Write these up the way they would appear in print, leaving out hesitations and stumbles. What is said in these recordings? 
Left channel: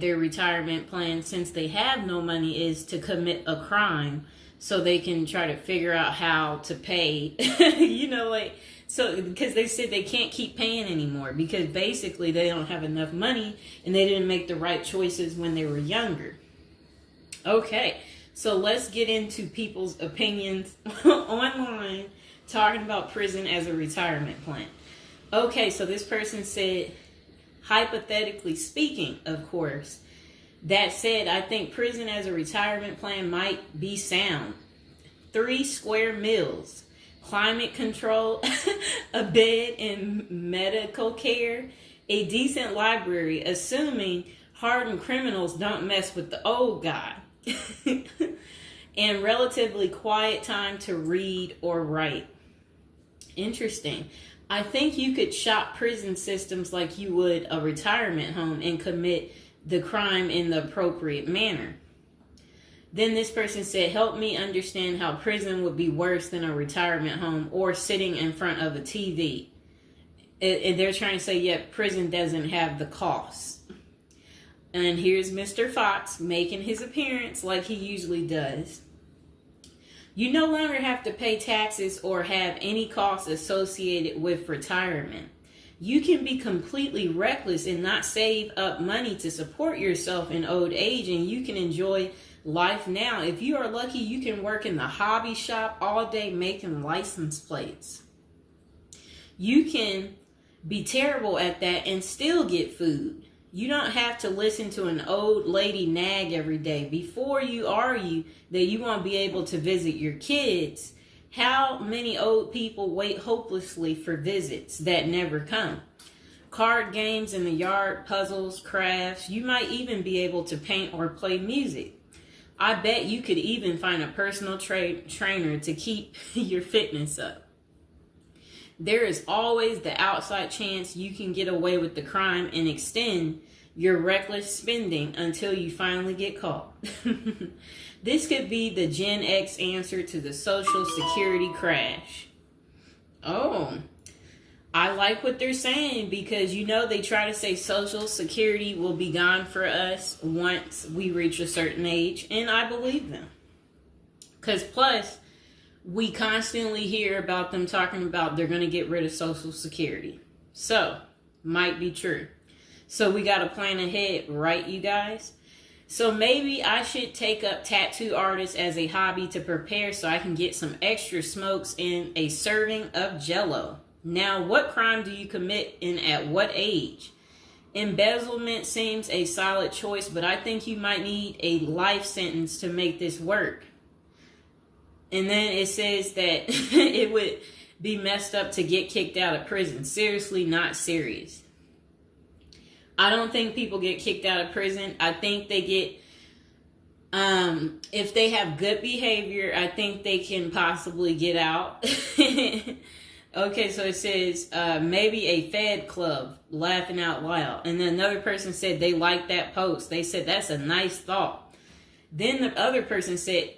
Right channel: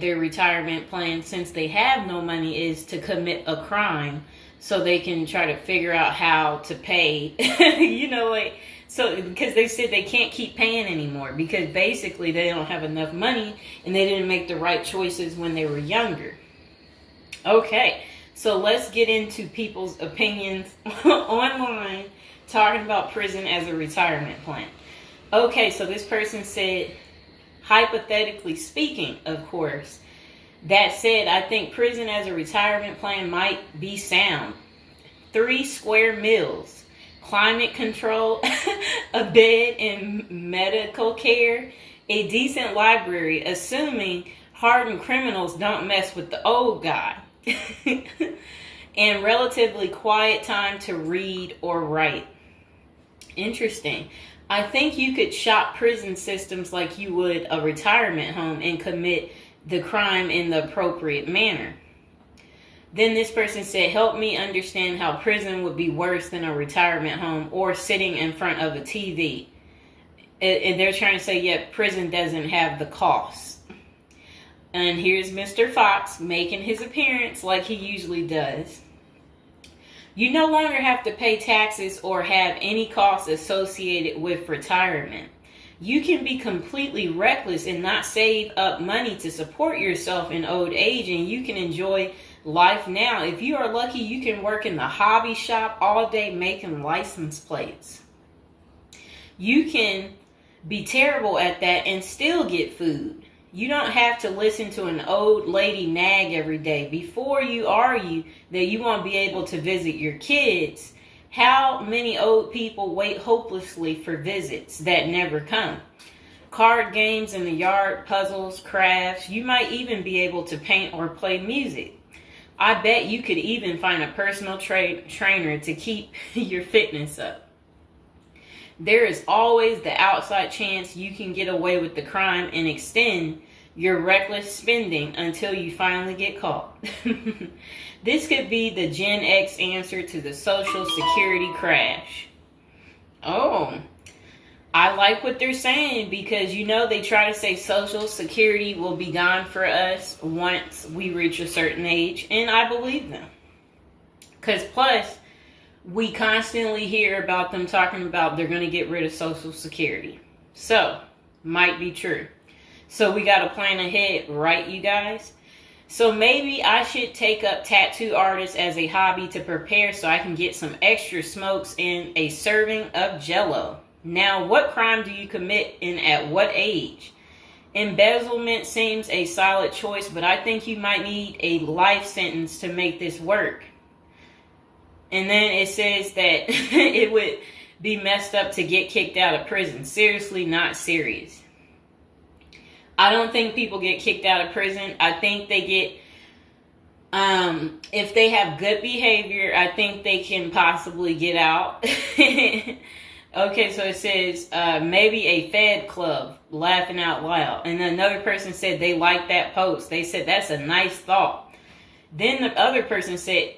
their retirement plan, since they have no money, is to commit a crime so they can try to figure out how to pay. So because they said they can't keep paying anymore because basically they don't have enough money and they didn't make the right choices when they were younger. Okay, so let's get into people's opinions online talking about prison as a retirement plan. Okay, so this person said, hypothetically speaking, of course, that said, I think prison as a retirement plan might be sound. 3 square meals, climate control, a bed and medical care, a decent library, assuming hardened criminals don't mess with the old guy, and relatively quiet time to read or write. Interesting. I think you could shop prison systems like you would a retirement home and commit the crime in the appropriate manner. Then this person said, help me understand how prison would be worse than a retirement home or sitting in front of a TV. And they're trying to say, yeah, prison doesn't have the cost. And here's Mr. Fox making his appearance like he usually does. You no longer have to pay taxes or have any costs associated with retirement. You can be completely reckless and not save up money to support yourself in old age, and you can enjoy life now. If you are lucky, you can work in the hobby shop all day making license plates. You can be terrible at that and still get food. You don't have to listen to an old lady nag every day before you argue that you won't be able to visit your kids. How many old people wait hopelessly for visits that never come? Card games in the yard, puzzles, crafts. You might even be able to paint or play music. I bet you could even find a personal trainer to keep your fitness up. There is always the outside chance you can get away with the crime and extend your reckless spending until you finally get caught. This could be the Gen X answer to the Social Security crash. Oh, I like what they're saying because, they try to say Social Security will be gone for us once we reach a certain age, and I believe them. Because plus, we constantly hear about them talking about they're going to get rid of Social Security. So, might be true. So we got to plan ahead, right, you guys? So maybe I should take up tattoo artists as a hobby to prepare so I can get some extra smokes and a serving of Jell-O. Now, what crime do you commit and at what age? Embezzlement seems a solid choice, but I think you might need a life sentence to make this work. And then it says that it would be messed up to get kicked out of prison. Seriously, not serious. I don't think people get kicked out of prison. I think they get, if they have good behavior, I think they can possibly get out. Okay, so it says maybe a Fed club, laughing out loud. And then another person said they liked that post. They said, that's a nice thought. Then the other person said,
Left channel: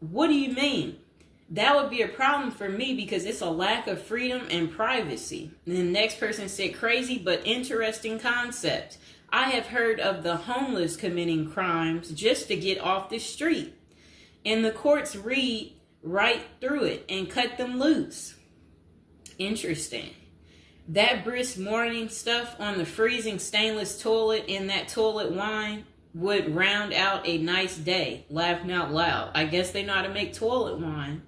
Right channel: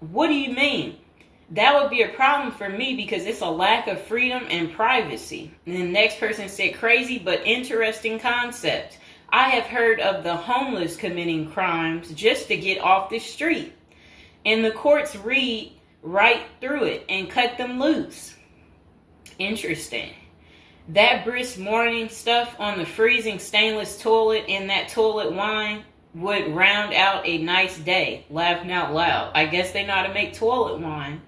what do you mean? That would be a problem for me because it's a lack of freedom and privacy. And the next person said, crazy but interesting concept. I have heard of the homeless committing crimes just to get off the street. And the courts read right through it and cut them loose. Interesting. That brisk morning stuff on the freezing stainless toilet and that toilet wine would round out a nice day. Laughing out loud. I guess they know how to make toilet wine.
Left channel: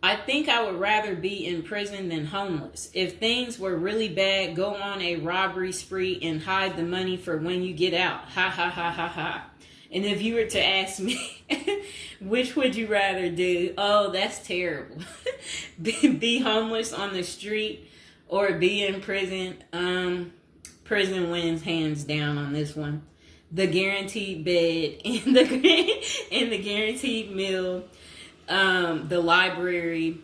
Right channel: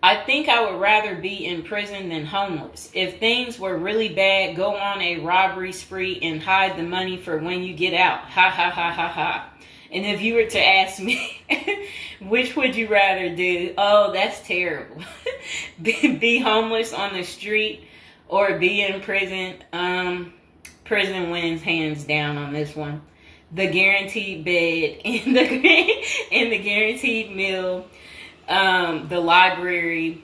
I think I would rather be in prison than homeless. If things were really bad, go on a robbery spree and hide the money for when you get out. Ha ha ha ha ha. And if you were to ask me, which would you rather do? Oh, that's terrible. Be homeless on the street or be in prison? Prison wins hands down on this one. The guaranteed bed and the guaranteed meal, the library,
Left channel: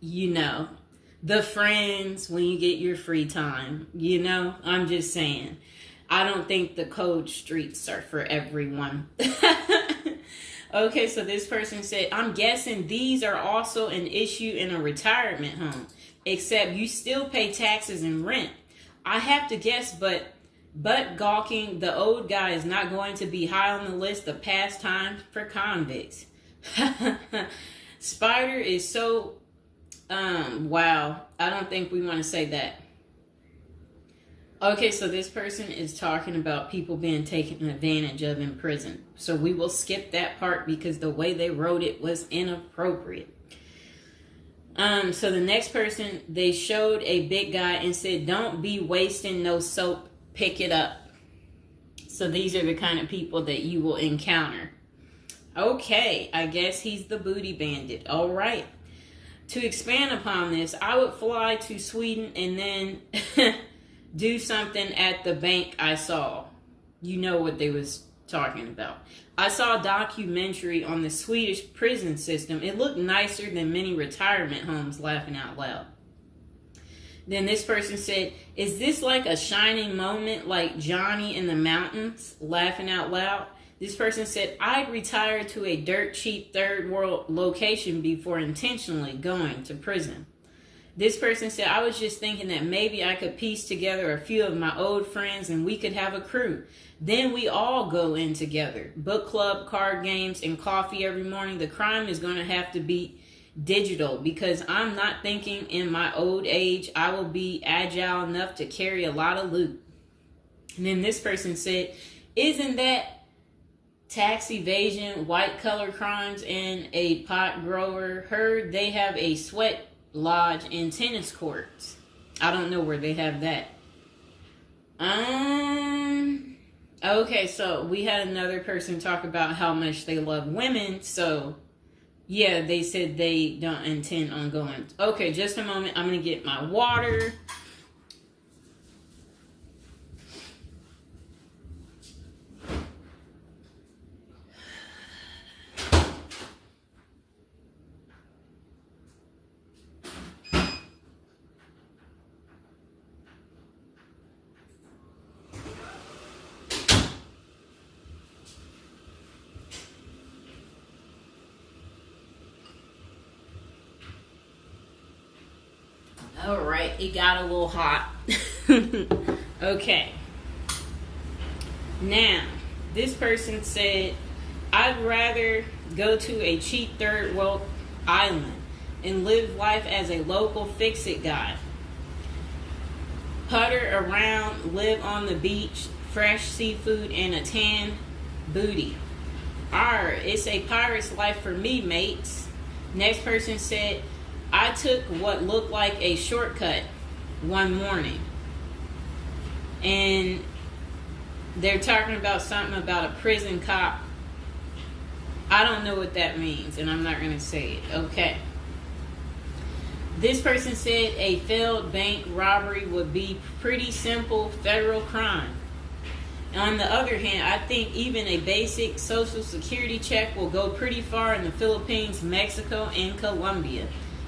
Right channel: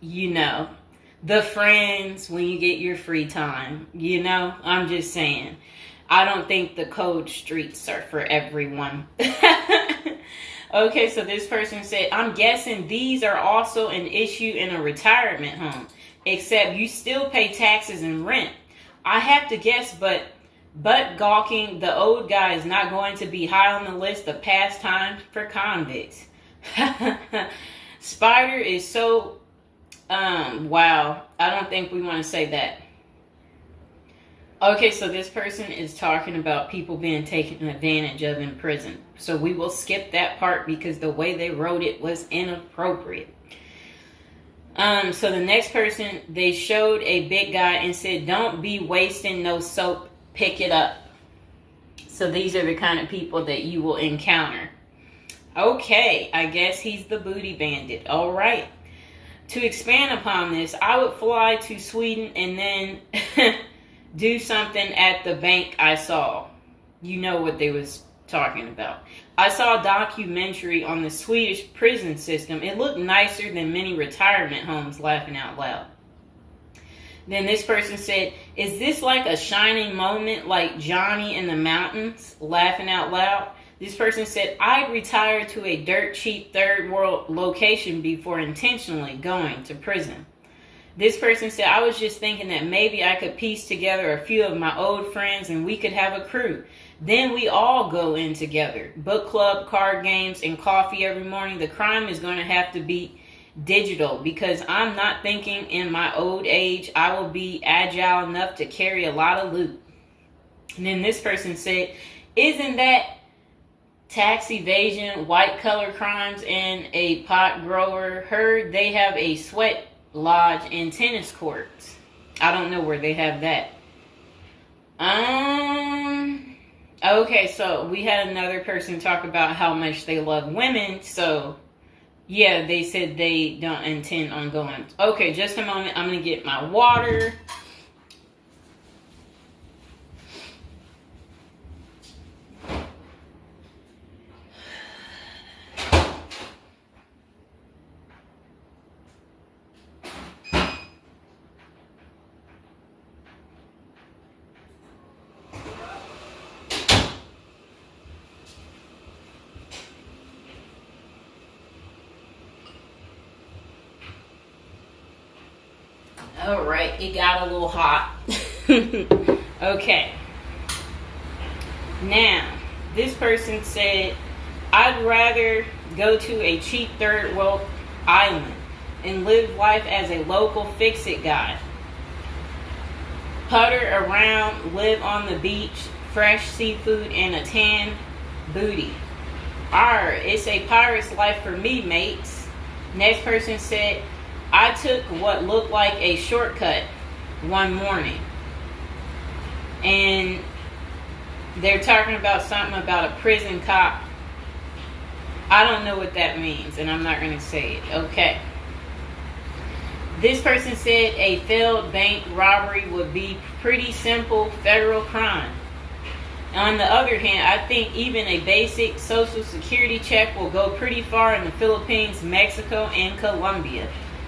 the friends when you get your free time, I'm just saying. I don't think the cold streets are for everyone. Okay, so this person said, I'm guessing these are also an issue in a retirement home, except you still pay taxes and rent. I have to guess, but But gawking, the old guy is not going to be high on the list of pastimes for convicts. Spider is so, wow. I don't think we want to say that. Okay, so this person is talking about people being taken advantage of in prison. So we will skip that part because the way they wrote it was inappropriate. So the next person, they showed a big guy and said, "Don't be wasting no soap, pick it up." So these are the kind of people that you will encounter. Okay, I guess he's the booty bandit. All right. To expand upon this, I would fly to Sweden and then do something at the bank I saw. You know what they was talking about. I saw a documentary on the Swedish prison system. It looked nicer than many retirement homes, laughing out loud. Then this person said, "Is this like a shining moment like Johnny in the Mountains?" Laughing out loud. This person said, "I'd retire to a dirt cheap third world location before intentionally going to prison." This person said, "I was just thinking that maybe I could piece together a few of my old friends and we could have a crew. Then we all go in together. Book club, card games, and coffee every morning. The crime is going to have to be digital because I'm not thinking in my old age I will be agile enough to carry a lot of loot." And then this person said, "Isn't that tax evasion, white collar crimes, and a pot grower? Heard they have a sweat lodge and tennis courts." I don't know where they have that. Okay, so we had another person talk about how much they love women. So yeah, they said they don't intend on going. Okay, just a moment. I'm gonna get my water. All right, it got a little hot. Okay. Now, this person said, "I'd rather go to a cheap third world island and live life as a local fix-it guy. Putter around, live on the beach, fresh seafood, and a tan booty. Arr, it's a pirate's life for me, mates." Next person said, "I took what looked like a shortcut one morning." And they're talking about something about a prison cop. I don't know what that means, and I'm not going to say it. Okay. This person said a failed bank robbery would be pretty simple federal crime. On the other hand, I think even a basic social security check will go pretty far in the Philippines, Mexico, and Colombia.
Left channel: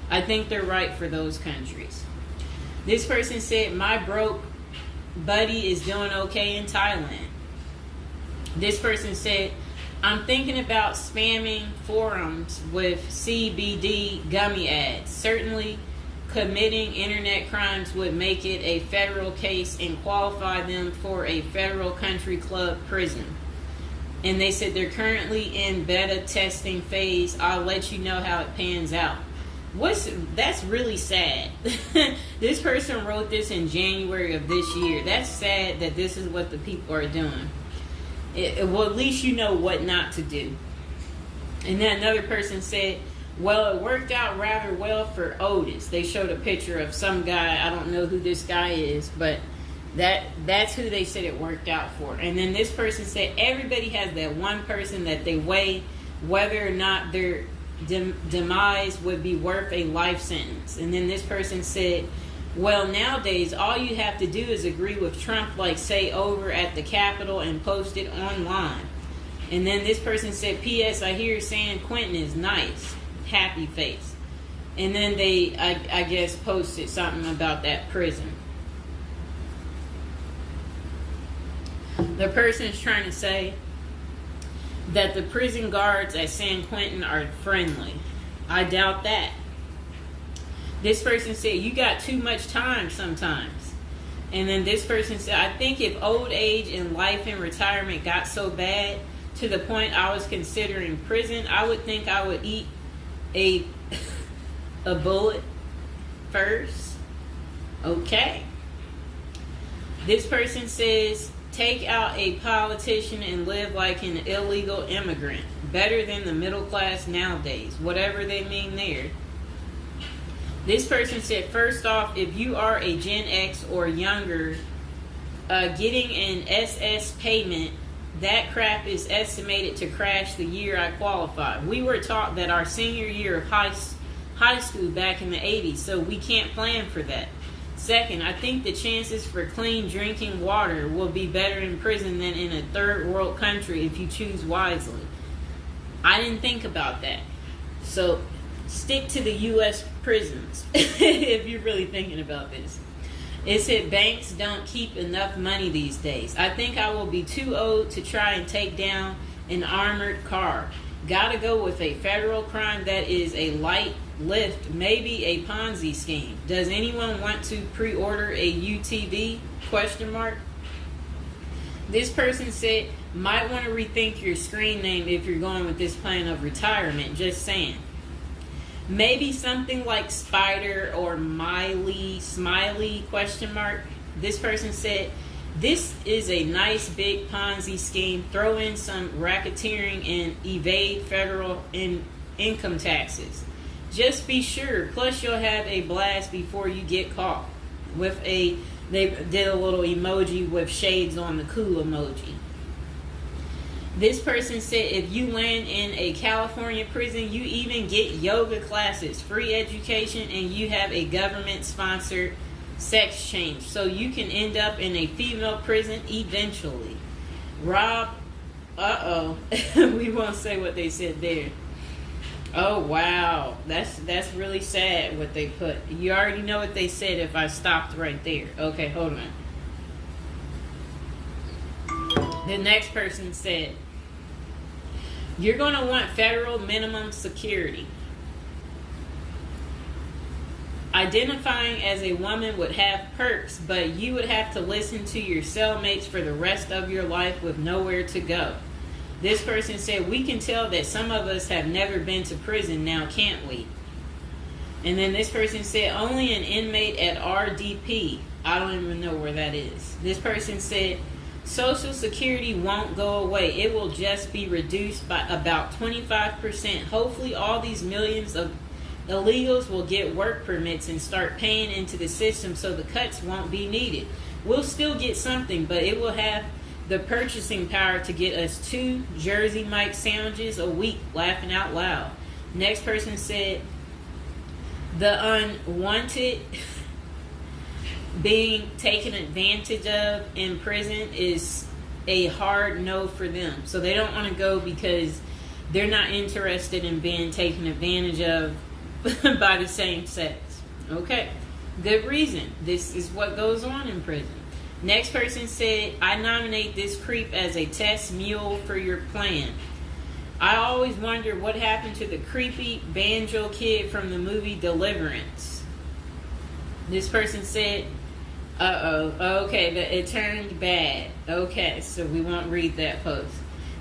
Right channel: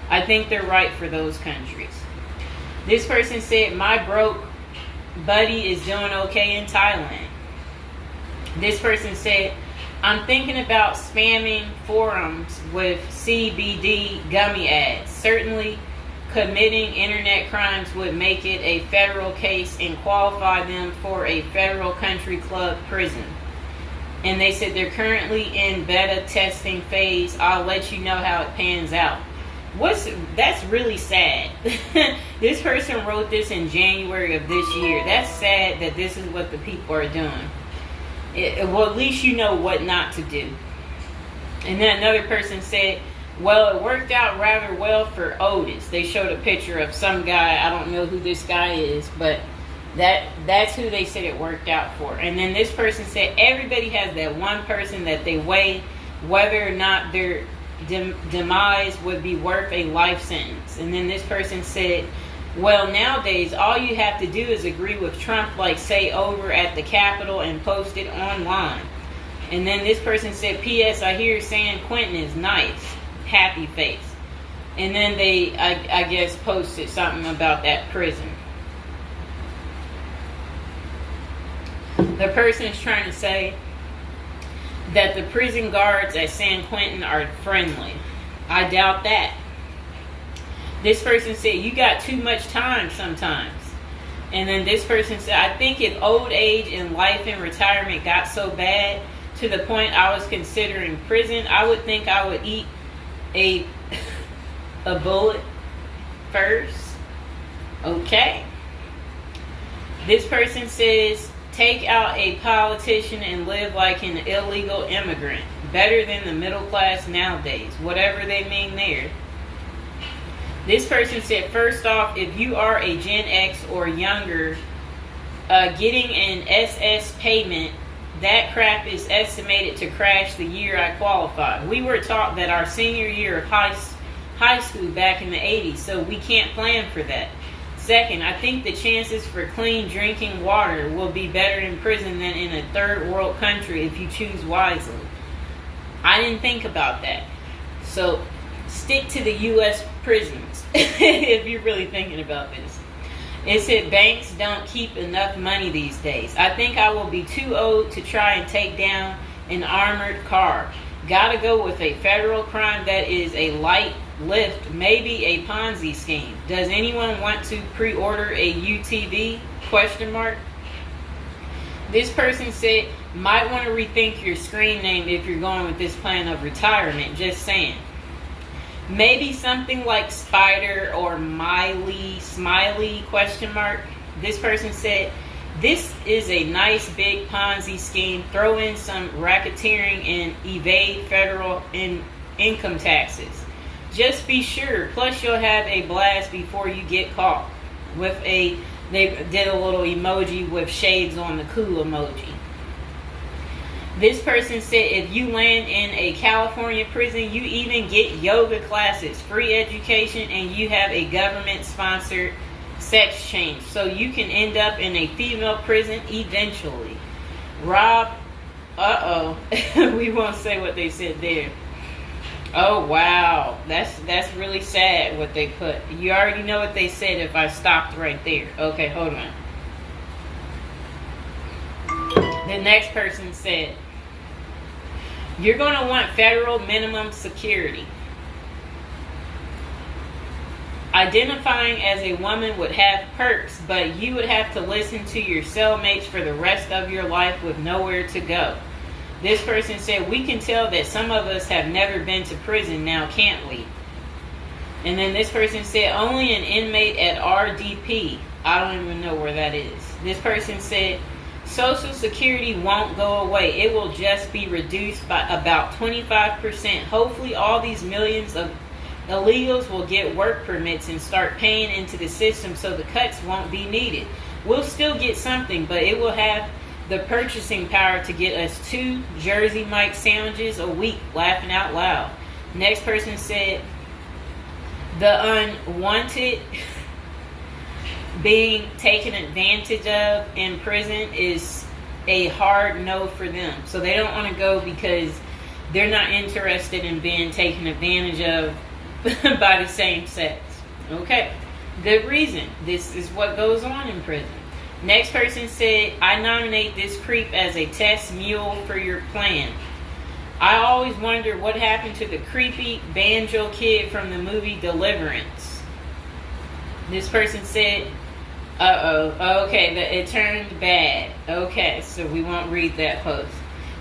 I think they're right for those countries. This person said, "My broke buddy is doing okay in Thailand." This person said, "I'm thinking about spamming forums with CBD gummy ads. Certainly committing internet crimes would make it a federal case and qualify them for a federal country club prison." And they said they're currently in beta testing phase. I'll let you know how it pans out. That's really sad. This person wrote this in January of this year. That's sad that this is what the people are doing. Well, at least you know what not to do. And then another person said, "Well, it worked out rather well for Otis." They showed a picture of some guy. I don't know who this guy is, but that's who they said it worked out for. And then this person said everybody has that one person that they weigh whether or not their demise would be worth a life sentence. And then this person said, "Well, nowadays all you have to do is agree with Trump, like say over at the Capitol and post it online." And then this person said, "P.S. I hear San Quentin is nice. Happy face." And then they, I guess, posted something about that prison. The person is trying to say that the prison guards at San Quentin are friendly. I doubt that. This person said, "You got too much time sometimes." And then this person said, I think if old age and life in retirement got so bad to the point I was considering prison, I would think I would eat a a bullet first. Okay. This person says, take out a politician and live like an illegal immigrant. Better than the middle class nowadays. Whatever they mean there. This person said, first off, if you are a Gen X or younger, getting an SS payment, that crap is estimated to crash the year I qualified. We were taught that our senior year of high school back in the 80s, so we can't plan for that. Second, I think the chances for clean drinking water will be better in prison than in a third world country if you choose wisely. I didn't think about that. So stick to the U.S. prisons if you're really thinking about this. It said banks don't keep enough money these days. I think I will be too old to try and take down an armored car. Gotta go with a federal crime that is a light lift, maybe a Ponzi scheme. Does anyone want to pre-order a UTV? Question mark. This person said, might want to rethink your screen name if you're going with this plan of retirement. Just saying. Maybe something like Spider or Smiley, question mark. This person said, this is a nice big Ponzi scheme. Throw in some racketeering and evade federal income taxes. Just be sure. Plus you'll have a blast before you get caught. They did a little emoji with shades on the cool emoji. This person said if you land in a California prison, you even get yoga classes, free education, and you have a government-sponsored sex change. So you can end up in a female prison eventually. Rob, we won't say what they said there. Oh, wow. That's really sad what they put. You already know what they said if I stopped right there. Okay, hold on. The next person said, you're going to want federal minimum security. Identifying as a woman would have perks, but you would have to listen to your cellmates for the rest of your life with nowhere to go. This person said, we can tell that some of us have never been to prison now, can't we? And then this person said, only an inmate at RDP. I don't even know where that is. This person said, Social Security won't go away. It will just be reduced by about 25%. Hopefully all these millions of illegals will get work permits and start paying into the system so the cuts won't be needed. We'll still get something, but it will have the purchasing power to get us 2 Jersey Mike sandwiches a week, laughing out loud. Next person said, the unwanted being taken advantage of in prison is a hard no for them. So they don't want to go because they're not interested in being taken advantage of by the same sex. Okay, good reason. This is what goes on in prison. Next person said, I nominate this creep as a test mule for your plan. I always wondered what happened to the creepy banjo kid from the movie Deliverance. This person said, okay, it turned bad. Okay, so we won't read that post.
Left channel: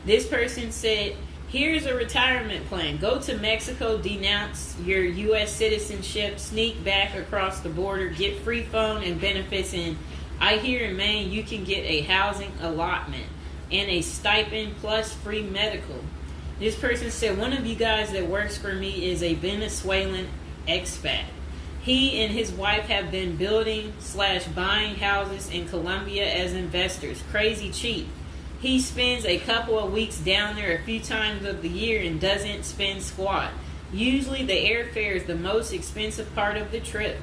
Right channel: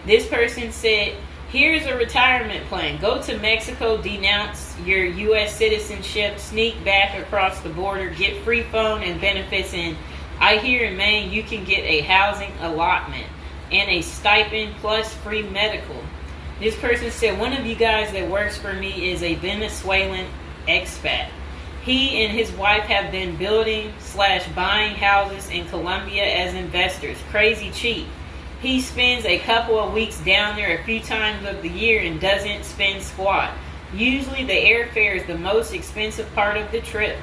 This person said, here's a retirement plan. Go to Mexico, denounce your U.S. citizenship, sneak back across the border, get free phone and benefits, and I hear in Maine you can get a housing allotment and a stipend plus free medical. This person said, one of you guys that works for me is a Venezuelan expat. He and his wife have been building/buying houses in Colombia as investors. Crazy cheap. He spends a couple of weeks down there a few times of the year and doesn't spend squat. Usually the airfare is the most expensive part of the trip.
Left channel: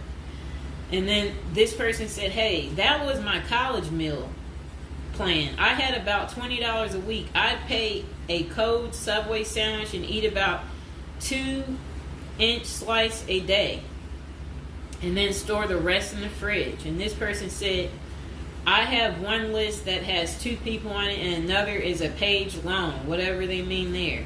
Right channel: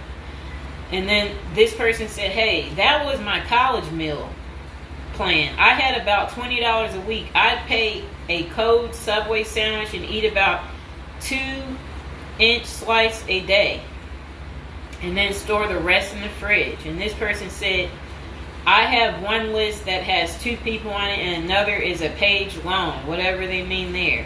And then this person said, hey, that was my college meal plan. I had about $20 a week. I'd pay a cold Subway sandwich and eat about 2-inch slice a day. And then store the rest in the fridge. And this person said, I have one list that has 2 people on it and another is a page long, whatever they mean there.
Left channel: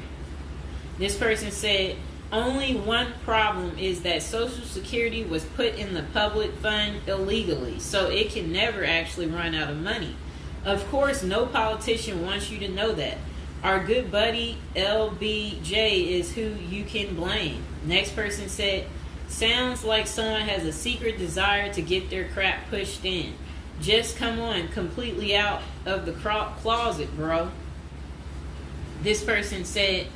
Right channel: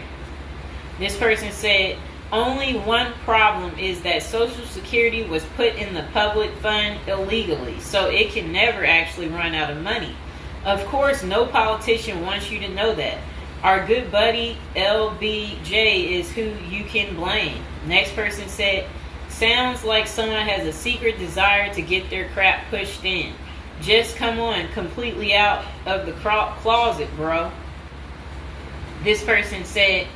This person said, Only one problem is that Social Security was put in the public fund illegally, so it can never actually run out of money. Of course, no politician wants you to know that. Our good buddy LBJ is who you can blame. Next person said, sounds like someone has a secret desire to get their crap pushed in. Just come on, completely out of the closet, bro. This person said,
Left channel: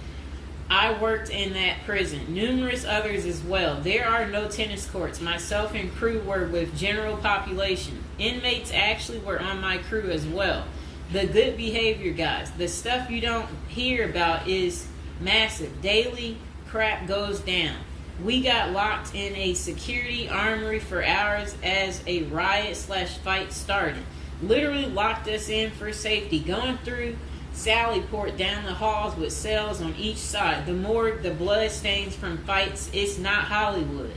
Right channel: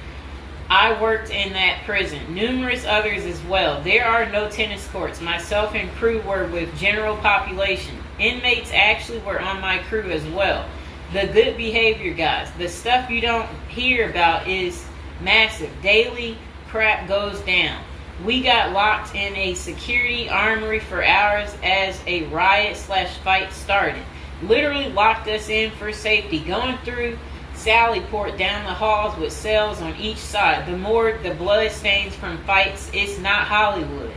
I worked in that prison. Numerous others as well. There are no tennis courts. Myself and crew were with general population. Inmates actually were on my crew as well. The good behavior guys. The stuff you don't hear about is massive. Daily crap goes down. We got locked in a security armory for hours as a riot/fight started. Literally locked us in for safety. Going through Sallyport down the halls with cells on each side. The more the blood stains from fights, it's not Hollywood.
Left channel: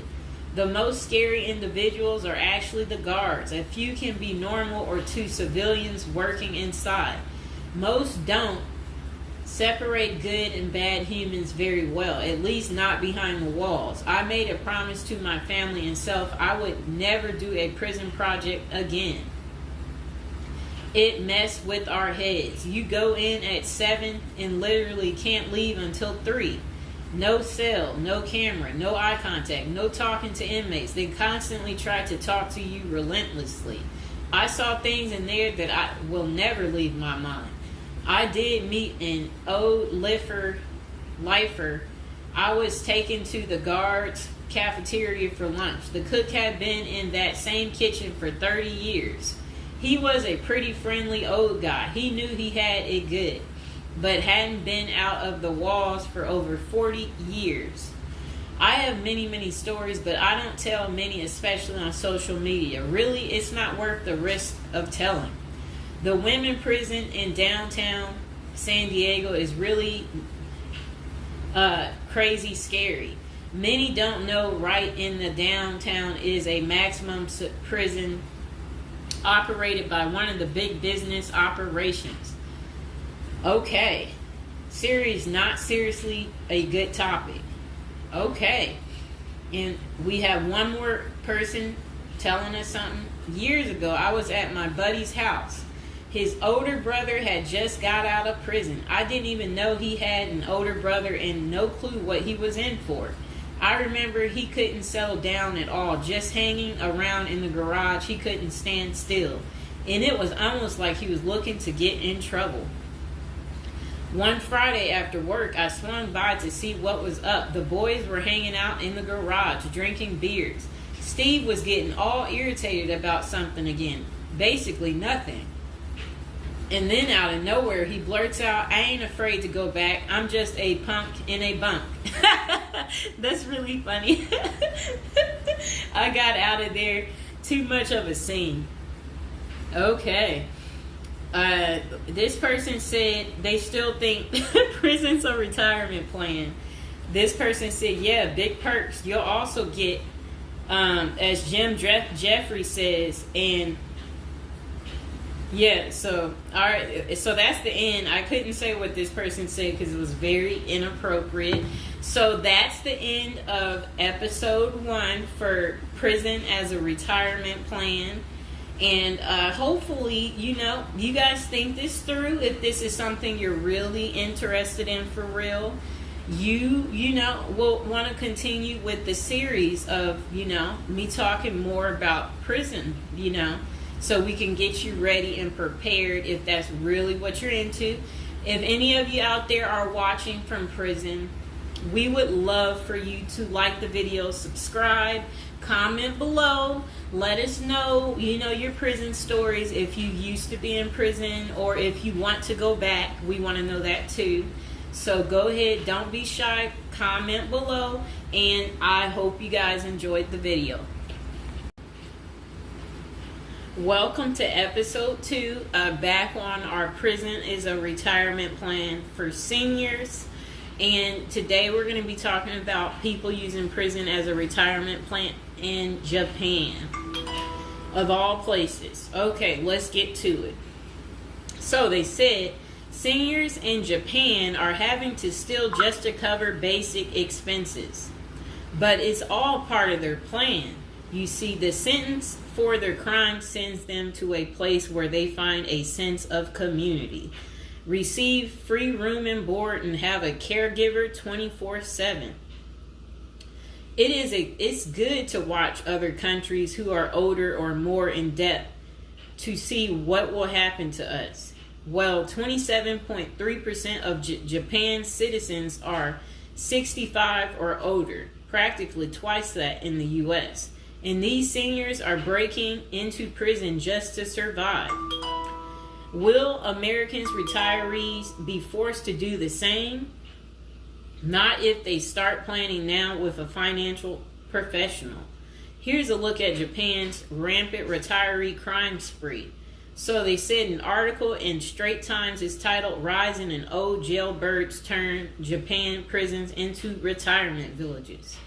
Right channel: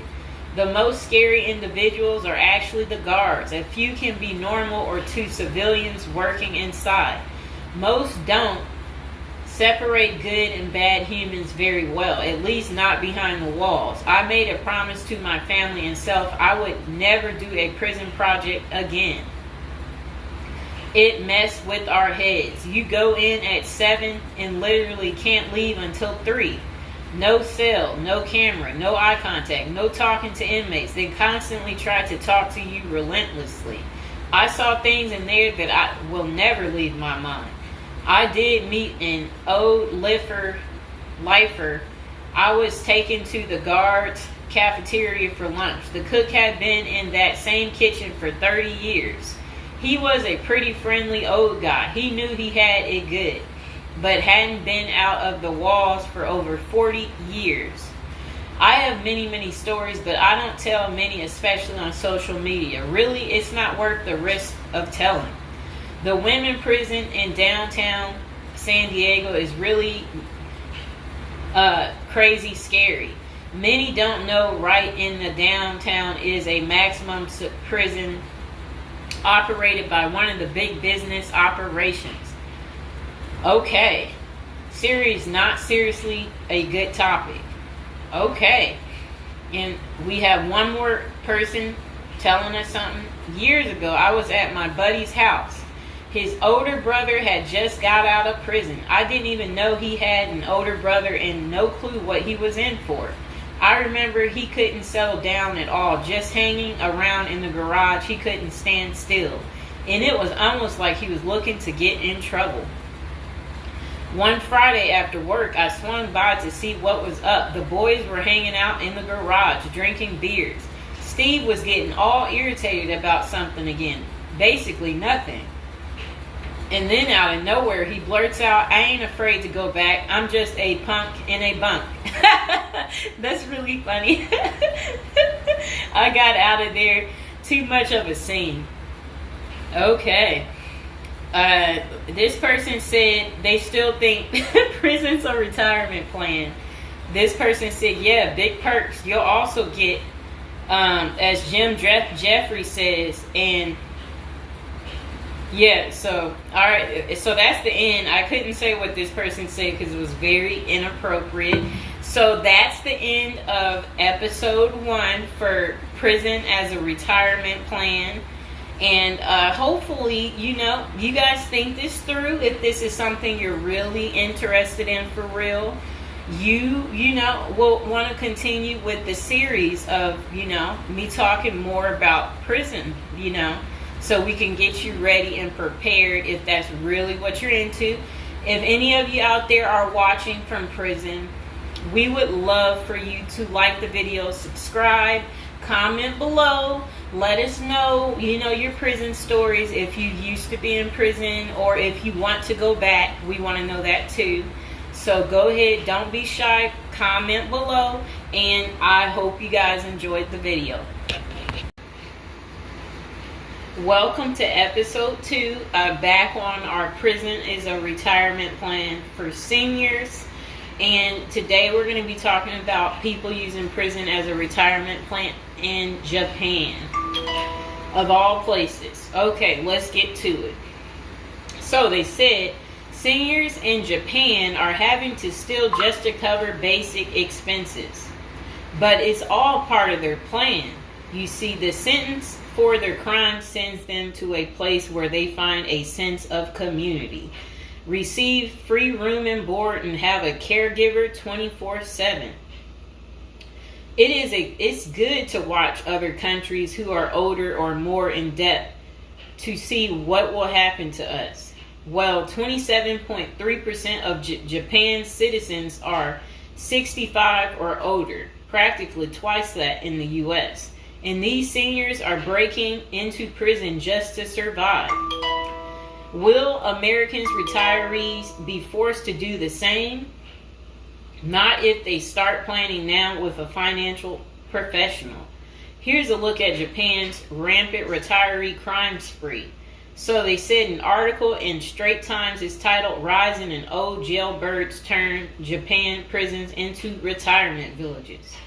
The most scary individuals are actually the guards. A few can be normal or two civilians working inside. Most don't separate good and bad humans very well, at least not behind the walls. I made a promise to my family and self I would never do a prison project again. It messed with our heads. You go in at 7 and literally can't leave until 3. No cell, no camera, no eye contact, no talking to inmates. They constantly try to talk to you relentlessly. I saw things in there that I will never leave my mind. I did meet an old lifer. I was taken to the guards' cafeteria for lunch. The cook had been in that same kitchen for 30 years. He was a pretty friendly old guy. He knew he had it good, but hadn't been out of the walls for over 40 years. I have many stories, but I don't tell many, especially on social media. Really, it's not worth the risk of telling. The women prison in downtown San Diego is really crazy scary. Many don't know right in the downtown is a maximum prison operated by one of the big business operations. Okay. Series not seriously a good topic. Okay. And we have one more person telling us something. Years ago, I was at my buddy's house. His older brother had just got out of prison. I didn't even know he had an older brother and no clue what he was in for. I remember he couldn't settle down at all, just hanging around in the garage. He couldn't stand still. And it was almost like he was looking to get in trouble. One Friday after work, I swung by to see what was up. The boys were hanging out in the garage, drinking beers. Steve was getting all irritated about something again. Basically nothing. And then out of nowhere, he blurts out, I ain't afraid to go back. I'm just a punk in a bunk. That's really funny. I got out of there. Too much of a scene. Okay. This person said they still think prison's a retirement plan. This person said, yeah, big perks. You'll also get, as Jim Jeffrey says, and yeah, so, all right, so that's the end. I couldn't say what this person said because it was very inappropriate. So that's the end of episode 1 for prison as a retirement plan. And hopefully, you guys think this through. If this is something you're really interested in for real, you will want to continue with the series of, me talking more about prison, so we can get you ready and prepared if that's really what you're into. If any of you out there are watching from prison, we would love for you to like the video, subscribe, comment below, let us know, your prison stories. If you used to be in prison or if you want to go back, we want to know that too. So go ahead, don't be shy, comment below, and I hope you guys enjoyed the video. Welcome to episode 2, back on our prison is a retirement plan for seniors. And today we're going to be talking about people using prison as a retirement plan in Japan, of all places. Okay, let's get to it. So they said Seniors in Japan are having to steal just to cover basic expenses. But it's all part of their plan. You see, the sentence for their crime sends them to a place where they find a sense of community, receive free room and board, and have a caregiver 24/7. It's good to watch other countries who are older or more in depth to see what will happen to us. Well, 27.3% of Japan's citizens are 65 or older, practically twice that in the U.S. And these seniors are breaking into prison just to survive. Will Americans retirees be forced to do the same? Not if they start planning now with a financial professional. Here's a look at Japan's rampant retiree crime spree. So they said an article in Straits Times is titled "Rising in Old Jailbirds Turn Japan Prisons into Retirement Villages."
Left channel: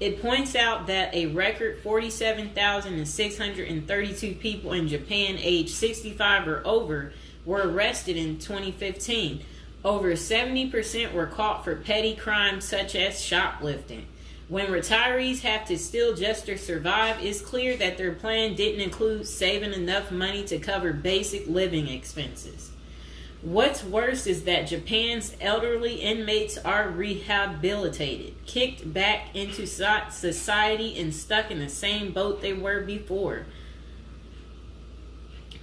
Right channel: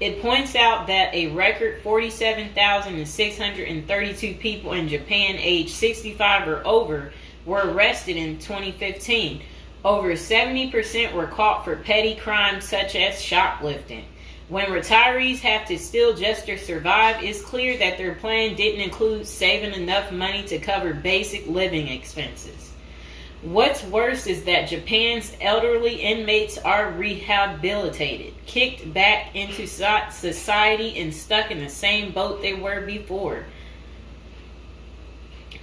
It points out that a record 47,632 people in Japan aged 65 or over were arrested in 2015. Over 70% were caught for petty crimes such as shoplifting. When retirees have to steal just to survive, it's clear that their plan didn't include saving enough money to cover basic living expenses. What's worse is that Japan's elderly inmates are rehabilitated, kicked back into society, and stuck in the same boat they were before.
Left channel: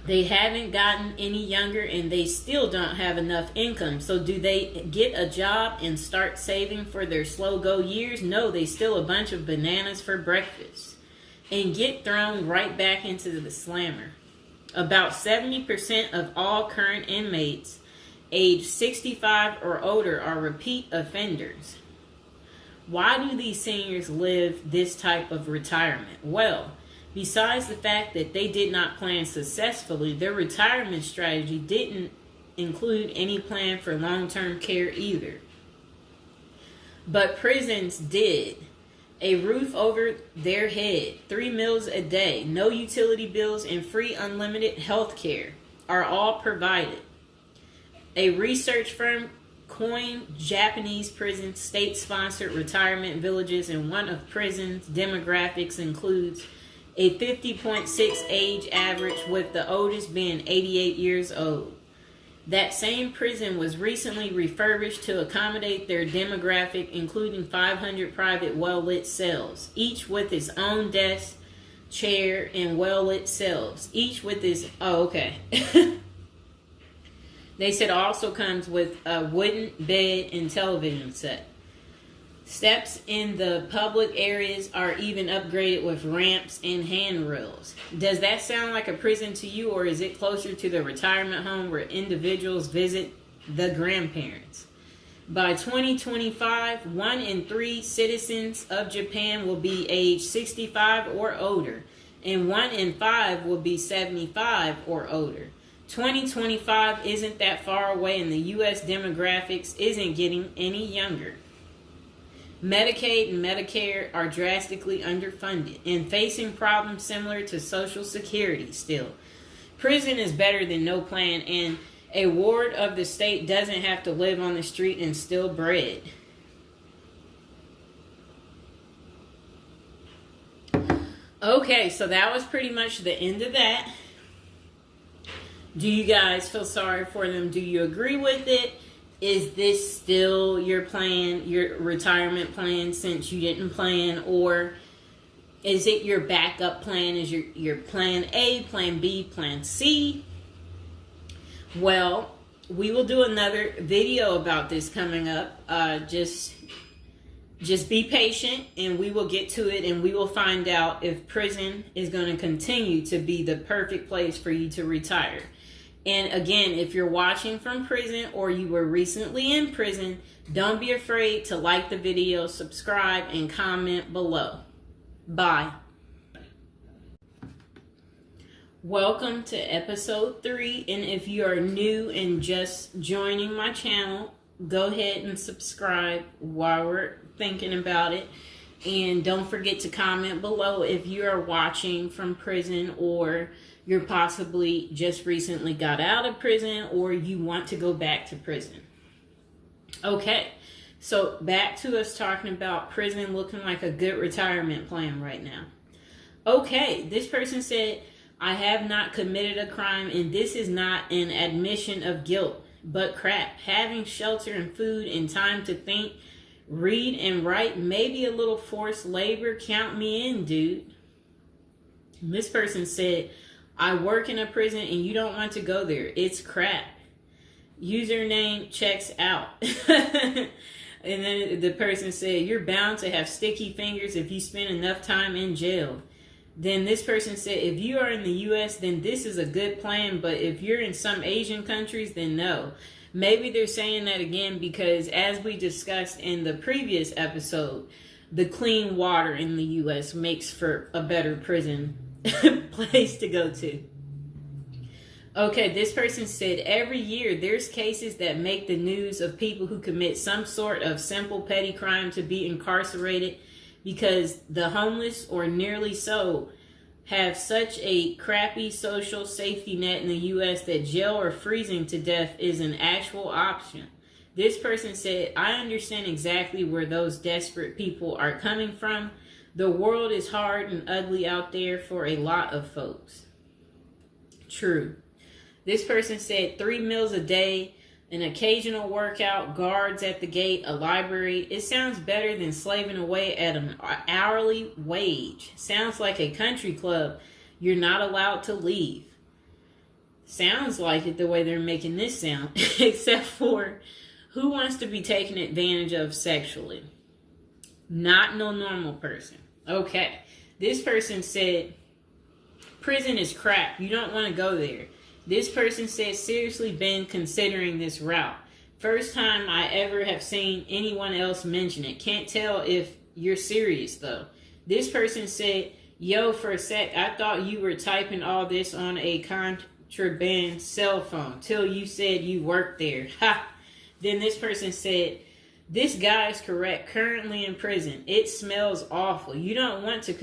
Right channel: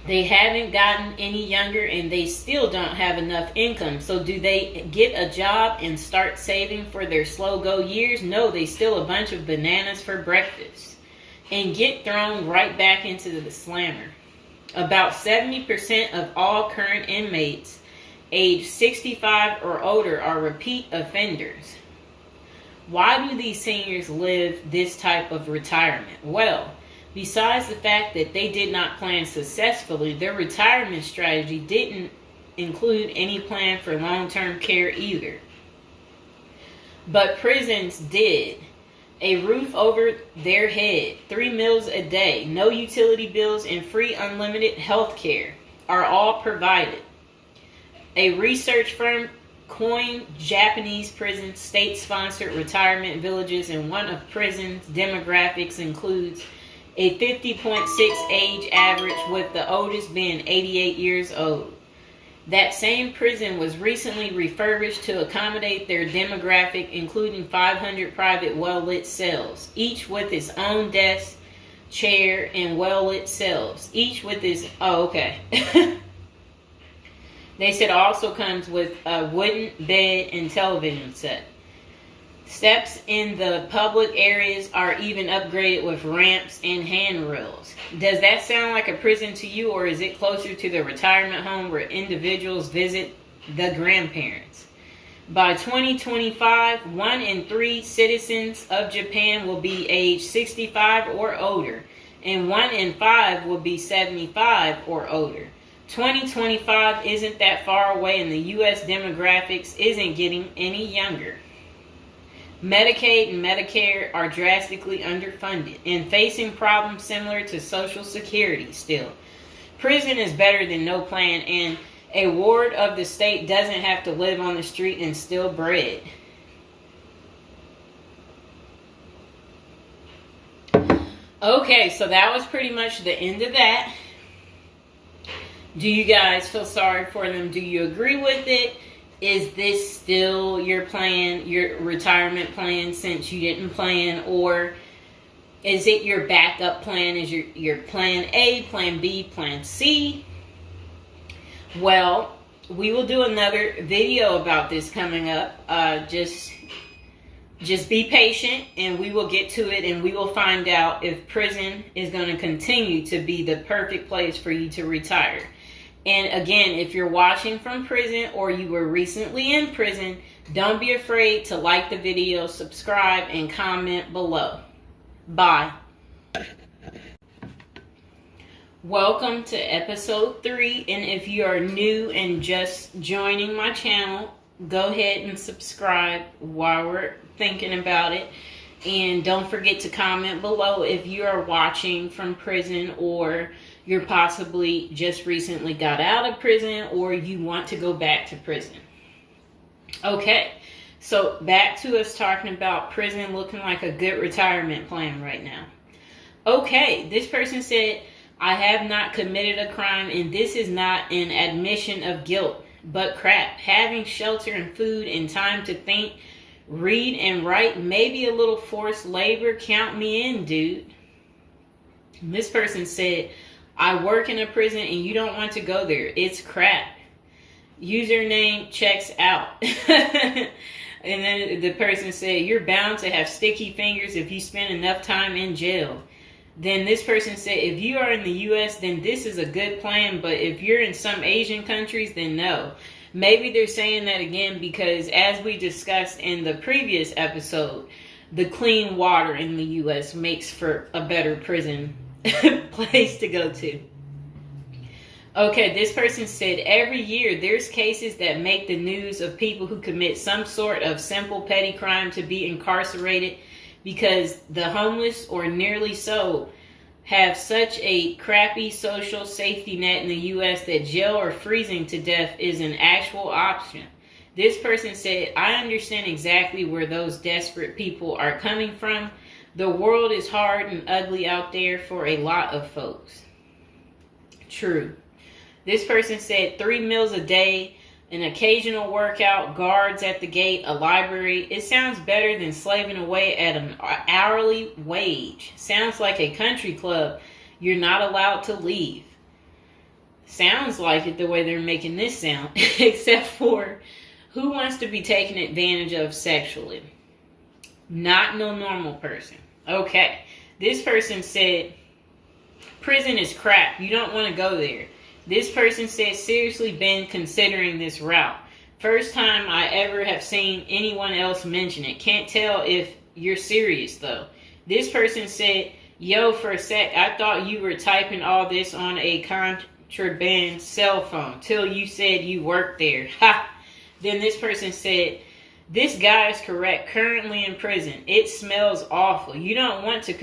They haven't gotten any younger, and they still don't have enough income. So do they get a job and start saving for their slow-go years? No, they steal a bunch of bananas for breakfast and get thrown right back into the slammer. About 70% of all current inmates aged 65 or older are repeat offenders. Why do these seniors live this type of retirement? Well, besides the fact that they did not plan successfully, their retirement strategy didn't include any plan for long-term care either. But prisons did. A roof over their head, 3 meals a day, no utility bills, and free unlimited health care are all provided. A research firm coined Japanese prison state-sponsored retirement villages, and one of prison's demographics includes a 50.6 age average, with the oldest being 88 years old. That same prison was recently refurbished to accommodate their demographic, including 500 private well-lit cells, each with its own desk, chair, and well-lit cells, each with its... Oh, okay. They said it also comes with a wooden bed and television set. Steps in the public areas are even upgraded with ramps and handrails. Does that sound like a prison to you, or is it closer to the retirement home where individuals visit the grandparents? By 2025, 1 in 3 citizens of Japan will be age 65 or older, and 1 in 5 will be 75 or older. 2025 isn't that far away, and the U.S. demographics isn't getting any younger. Medicaid and Medicare are drastically underfunded and facing problems similar to Social Security still. Prison is better than no plan, and a ward of the state doesn't have to live on the street and steal bread. Okay, so that was pretty much the end of that. Do you guys feel sorry for them? Do you agree with it? Is this still your plan, your retirement plan, since you didn't plan? Or is it your backup plan? Is your plan A, plan B, plan C? Well, we will do another video about this coming up. Just be patient, and we will get to it, and we will find out if prison is going to continue to be the perfect place for you to retire. And again, if you're watching from prison or you were recently in prison, don't be afraid to like the video, subscribe, and comment below. Bye. Welcome to episode 3. And if you are new and just joining my channel, go ahead and subscribe while we're thinking about it. And don't forget to comment below if you are watching from prison or you're possibly just recently got out of prison, or you want to go back to prison. Okay, so back to us talking about prison looking like a good retirement plan right now. Okay, this person said, I have not committed a crime, and this is not an admission of guilt, but crap. Having shelter and food and time to think, read and write, maybe a little forced labor, count me in, dude. And this person said, I work in a prison and you don't want to go there. It's crap. Username checks out. And then the person said, you're bound to have sticky fingers if you spend enough time in jail. Then this person said, if you are in the U.S., then this is a good plan. But if you're in some Asian countries, then no. Maybe they're saying that again because, as we discussed in the previous episode, the clean water in the U.S. makes for a better prison place to go to. Okay, this person said, every year there's cases that make the news of people who commit some sort of simple petty crime to be incarcerated because the homeless, or nearly so, have such a crappy social safety net in the U.S. that jail or freezing to death is an actual option. This person said, I understand exactly where those desperate people are coming from. The world is hard and ugly out there for a lot of folks. True. This person said 3 meals a day, an occasional workout, guards at the gate, a library. It sounds better than slaving away at an hourly wage. Sounds like a country club you're not allowed to leave. Sounds like it the way they're making this sound. Except for, who wants to be taken advantage of sexually? Not no normal person. Okay. This person said, prison is crap. You don't want to go there. This person said, seriously been considering this route. First time I ever have seen anyone else mention it. Can't tell if you're serious though. This person said, yo, for a sec, I thought you were typing all this on a contraband cell phone till you said you worked there. Ha! Then this person said, this guy is correct. Currently in prison. It smells awful. You don't get to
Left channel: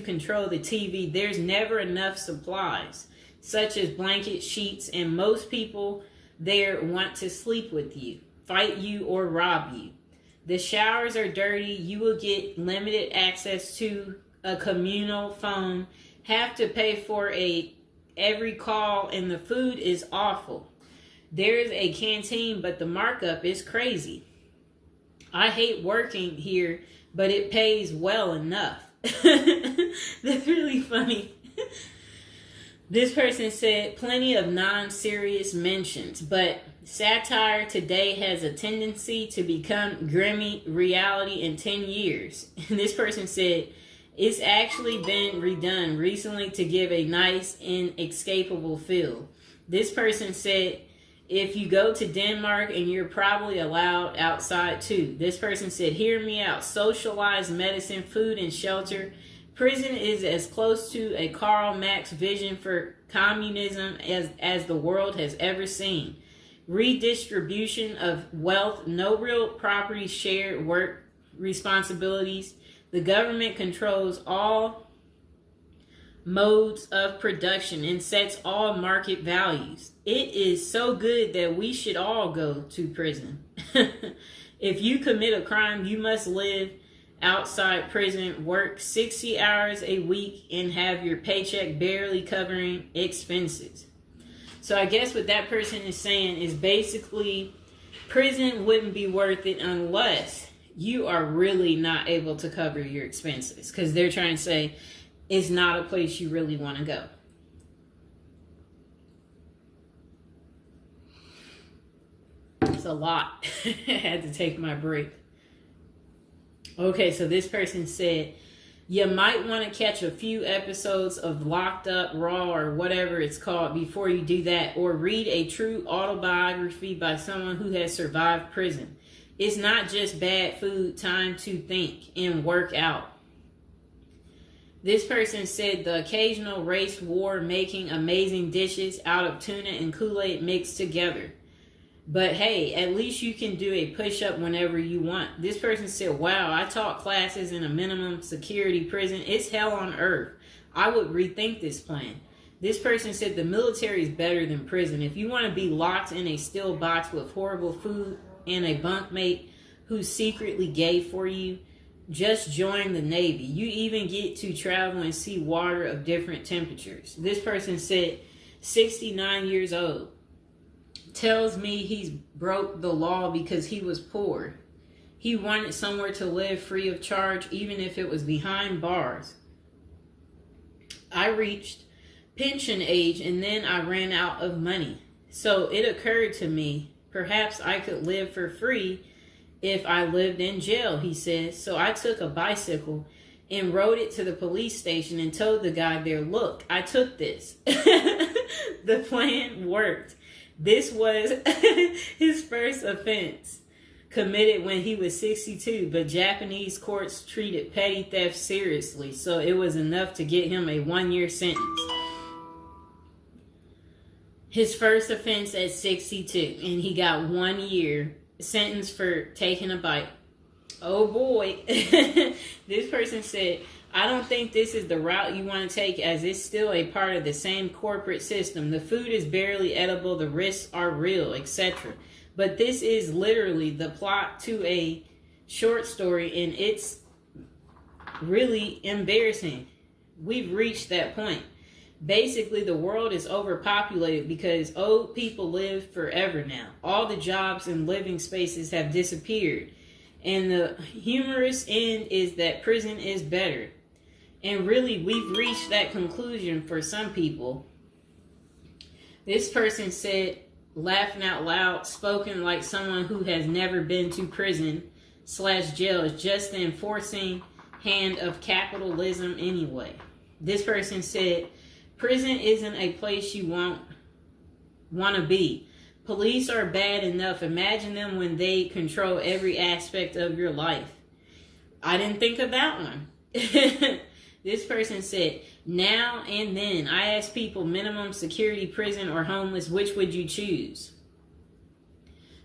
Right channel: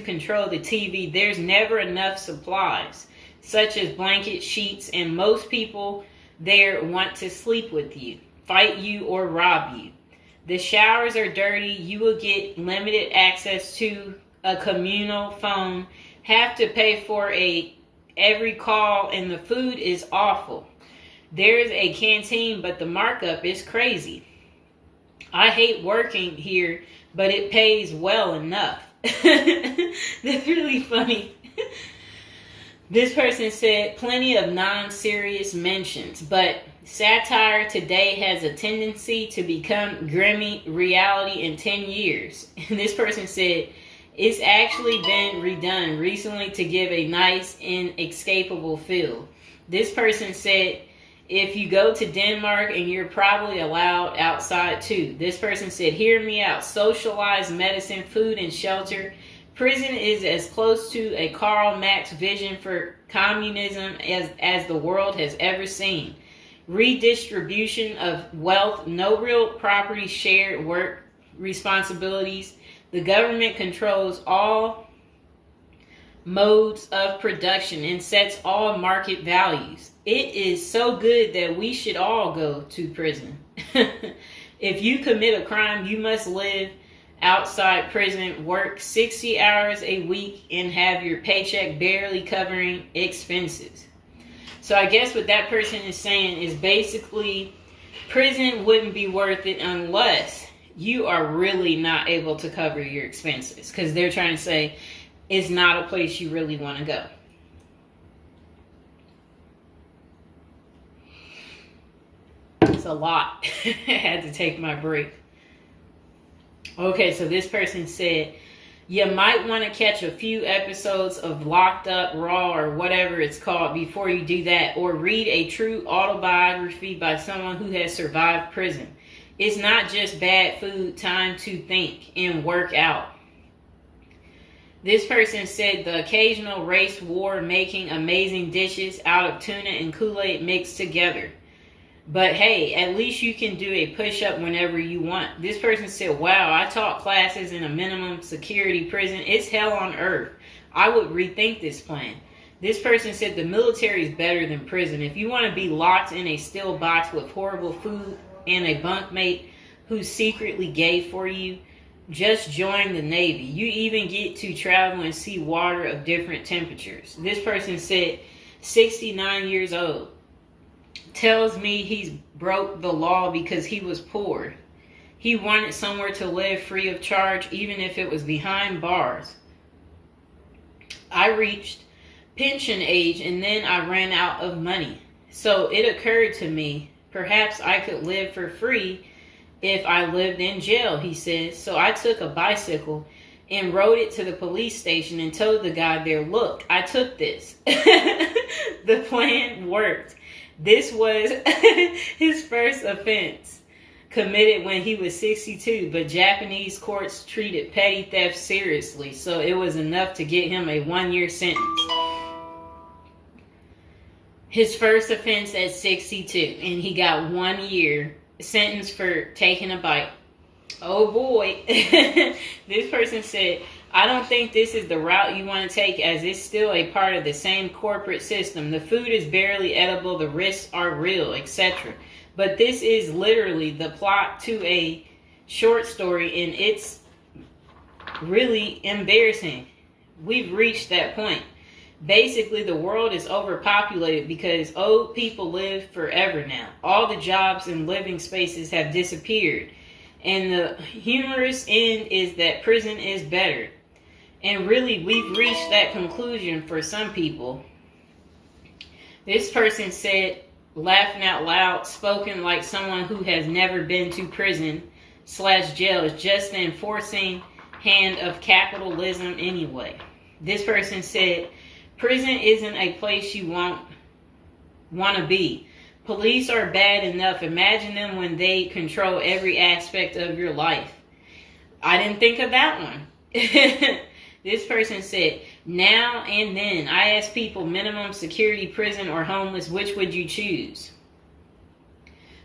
control the TV. There's never enough supplies, such as blankets, sheets, and most people there want to sleep with you, fight you, or rob you. The showers are dirty. You will get limited access to a communal phone, have to pay for every call, and the food is awful. There's a canteen, but the markup is crazy. I hate working here, but it pays well enough. That's really funny. This person said, plenty of non-serious mentions, but satire today has a tendency to become grimy reality in 10 years. And this person said, it's actually been redone recently to give a nice, inescapable feel. This person said, if you go to Denmark and you're probably allowed outside too. This person said, hear me out. Socialized medicine, food, and shelter. Prison is as close to a Karl Marx vision for communism as the world has ever seen. Redistribution of wealth, no real property, shared work responsibilities. The government controls all modes of production and sets all market values. It is so good that we should all go to prison. If you commit a crime, you must live outside prison, work 60 hours a week, and have your paycheck barely covering expenses. So I guess what that person is saying is basically prison wouldn't be worth it unless you are really not able to cover your expenses, because they're trying to say it's not a place you really want to go. It's a lot. I had to take my break. Okay, so this person said, you might want to catch a few episodes of Locked Up, Raw, or whatever it's called before you do that, or read a true autobiography by someone who has survived prison. It's not just bad food, time to think and work out. This person said the occasional race war making amazing dishes out of tuna and Kool-Aid mixed together. But hey, at least you can do a push-up whenever you want. This person said, wow, I taught classes in a minimum security prison. It's hell on earth. I would rethink this plan. This person said the military is better than prison. If you want to be locked in a steel box with horrible food and a bunkmate who's secretly gay for you, just join the Navy. You even get to travel and see water of different temperatures. This person said 69 years old. Tells me he's broke the law because he was poor. He wanted somewhere to live free of charge, even if it was behind bars. I reached pension age and then I ran out of money. So it occurred to me, perhaps I could live for free if I lived in jail, he says. So I took a bicycle and rode it to the police station and told the guy there, look, I took this. The plan worked. This was his first offense, committed when he was 62, but Japanese courts treated petty theft seriously, so it was enough to get him a 1-year sentence. His first offense at 62, and he got 1 year sentence for taking a bite. Oh boy. This person said, I don't think this is the route you want to take, as it's still a part of the same corporate system. The food is barely edible, the risks are real, etc. But this is literally the plot to a short story, and it's really embarrassing. We've reached that point. Basically, the world is overpopulated because old people live forever now. All the jobs and living spaces have disappeared. And the humorous end is that prison is better. And really, we've reached that conclusion for some people. This person said, laughing out loud, spoken like someone who has never been to prison/jail, is just the enforcing hand of capitalism anyway. This person said, prison isn't a place you want to be. Police are bad enough. Imagine them when they control every aspect of your life. I didn't think of that one. This person said, now and then, I ask people minimum security prison or homeless, which would you choose?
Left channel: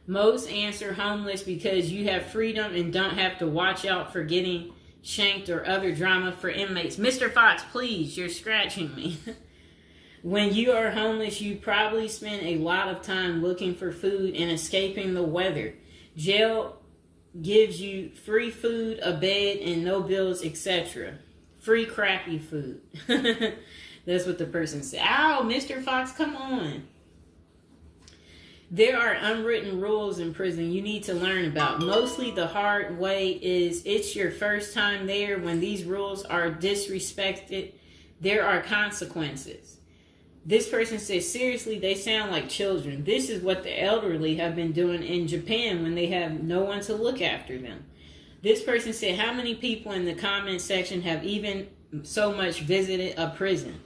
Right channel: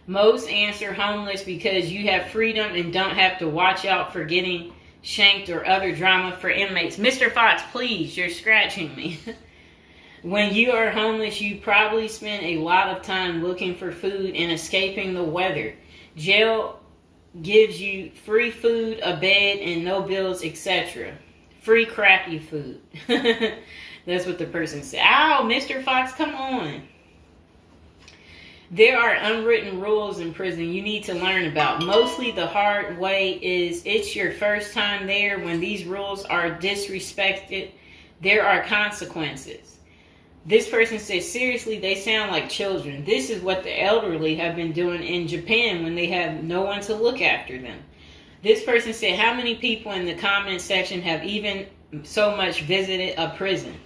Most answer homeless because you have freedom and don't have to watch out for getting shanked or other drama for inmates. Mr. Fox, please, you're scratching me. When you are homeless, you probably spend a lot of time looking for food and escaping the weather. Jail gives you free food, a bed, and no bills, etc. Free crappy food. That's what the person said. Ow, Mr. Fox, come on. There are unwritten rules in prison you need to learn about. Mostly the hard way is it's your first time there. When these rules are disrespected, there are consequences. This person says, seriously, they sound like children. This is what the elderly have been doing in Japan when they have no one to look after them. This person said, how many people in the comment section have even so much visited a prison?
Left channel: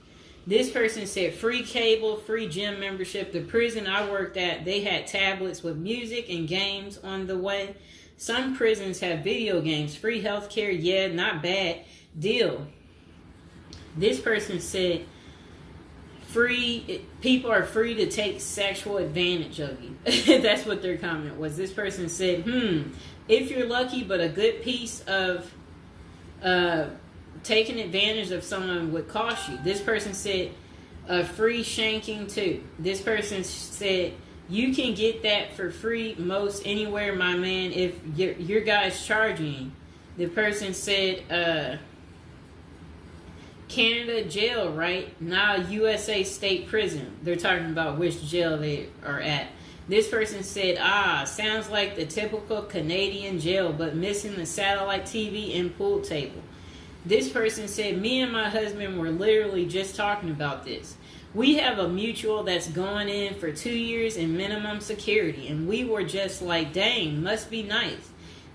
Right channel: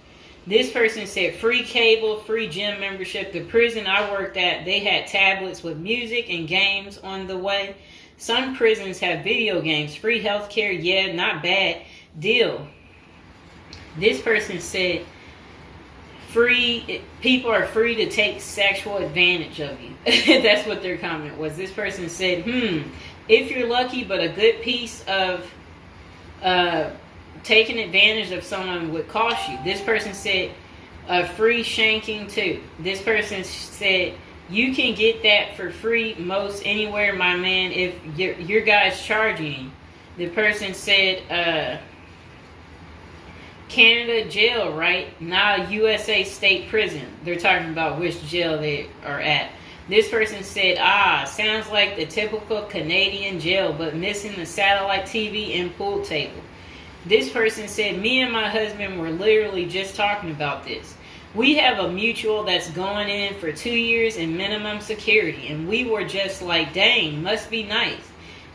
This person said, free cable, free gym membership. The prison I worked at, they had tablets with music and games on the way. Some prisons have video games, free healthcare. Yeah, not bad deal. This person said, people are free to take sexual advantage of you. That's what their comment was. This person said, if you're lucky, but a good piece of taking advantage of someone would cost you. This person said, free shanking too. This person said, you can get that for free most anywhere, my man, if your guy's charging. The person said, Canada jail, right? Now USA state prison. They're talking about which jail they are at. This person said, sounds like the typical Canadian jail, but missing the satellite TV and pool table. This person said, me and my husband were literally just talking about this. We have a mutual that's going in for 2 years in minimum security, and we were just like, dang, must be nice.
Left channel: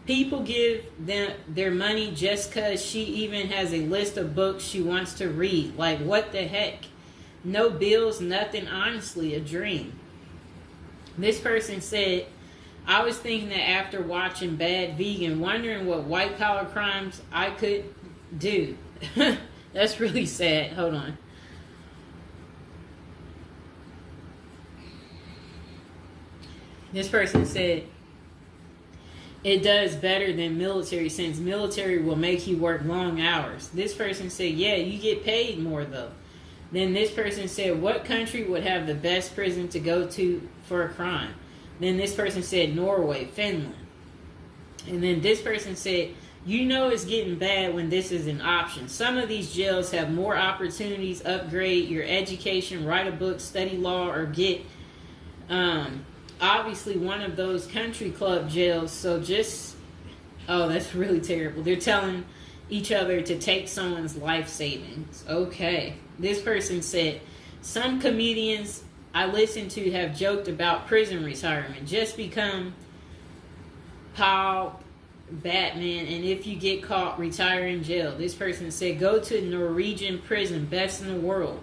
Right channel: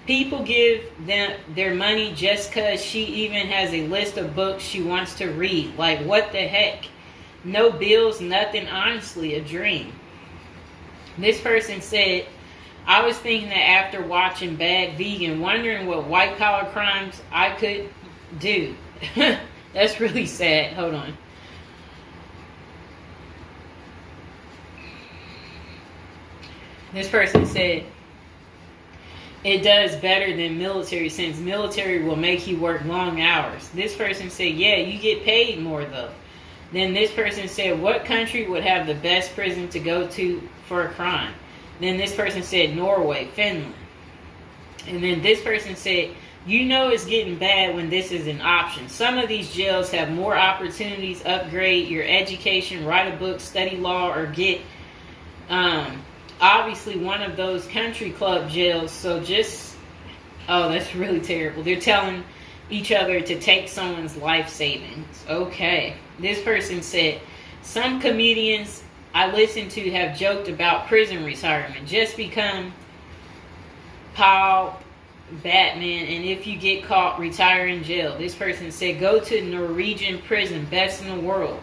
People give them their money just because she even has a list of books she wants to read. Like, what the heck? No bills, nothing. Honestly, a dream. This person said, I was thinking that after watching Bad Vegan, wondering what white-collar crimes I could do. That's really sad. Hold on. This person said, it does better than military, since military will make you work long hours. This person said, yeah, you get paid more though. Then this person said, what country would have the best prison to go to for a crime? Then this person said, Norway, Finland. And then this person said, you know it's getting bad when this is an option. Some of these jails have more opportunities, upgrade your education, write a book, study law, or get obviously one of those country club jails. So just, oh, that's really terrible. They're telling each other to take someone's life savings. Okay. This person said, some comedians I listen to have joked about prison retirement. Just become Paul Batman, and if you get caught, retire in jail. This person said, go to Norwegian prison, best in the world.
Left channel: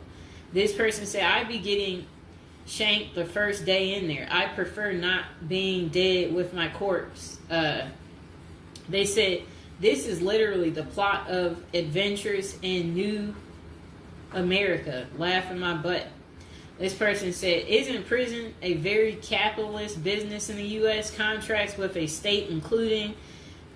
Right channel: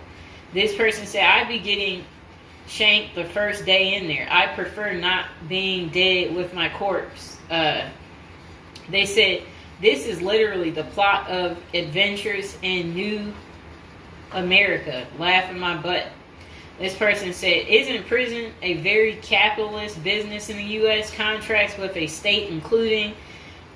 This person said, I'd be getting shanked the first day in there. I prefer not being dead with my corpse. They said, this is literally the plot of Adventures in New America. Laughing my butt. This person said, isn't prison a very capitalist business in the U.S.? Contracts with a state including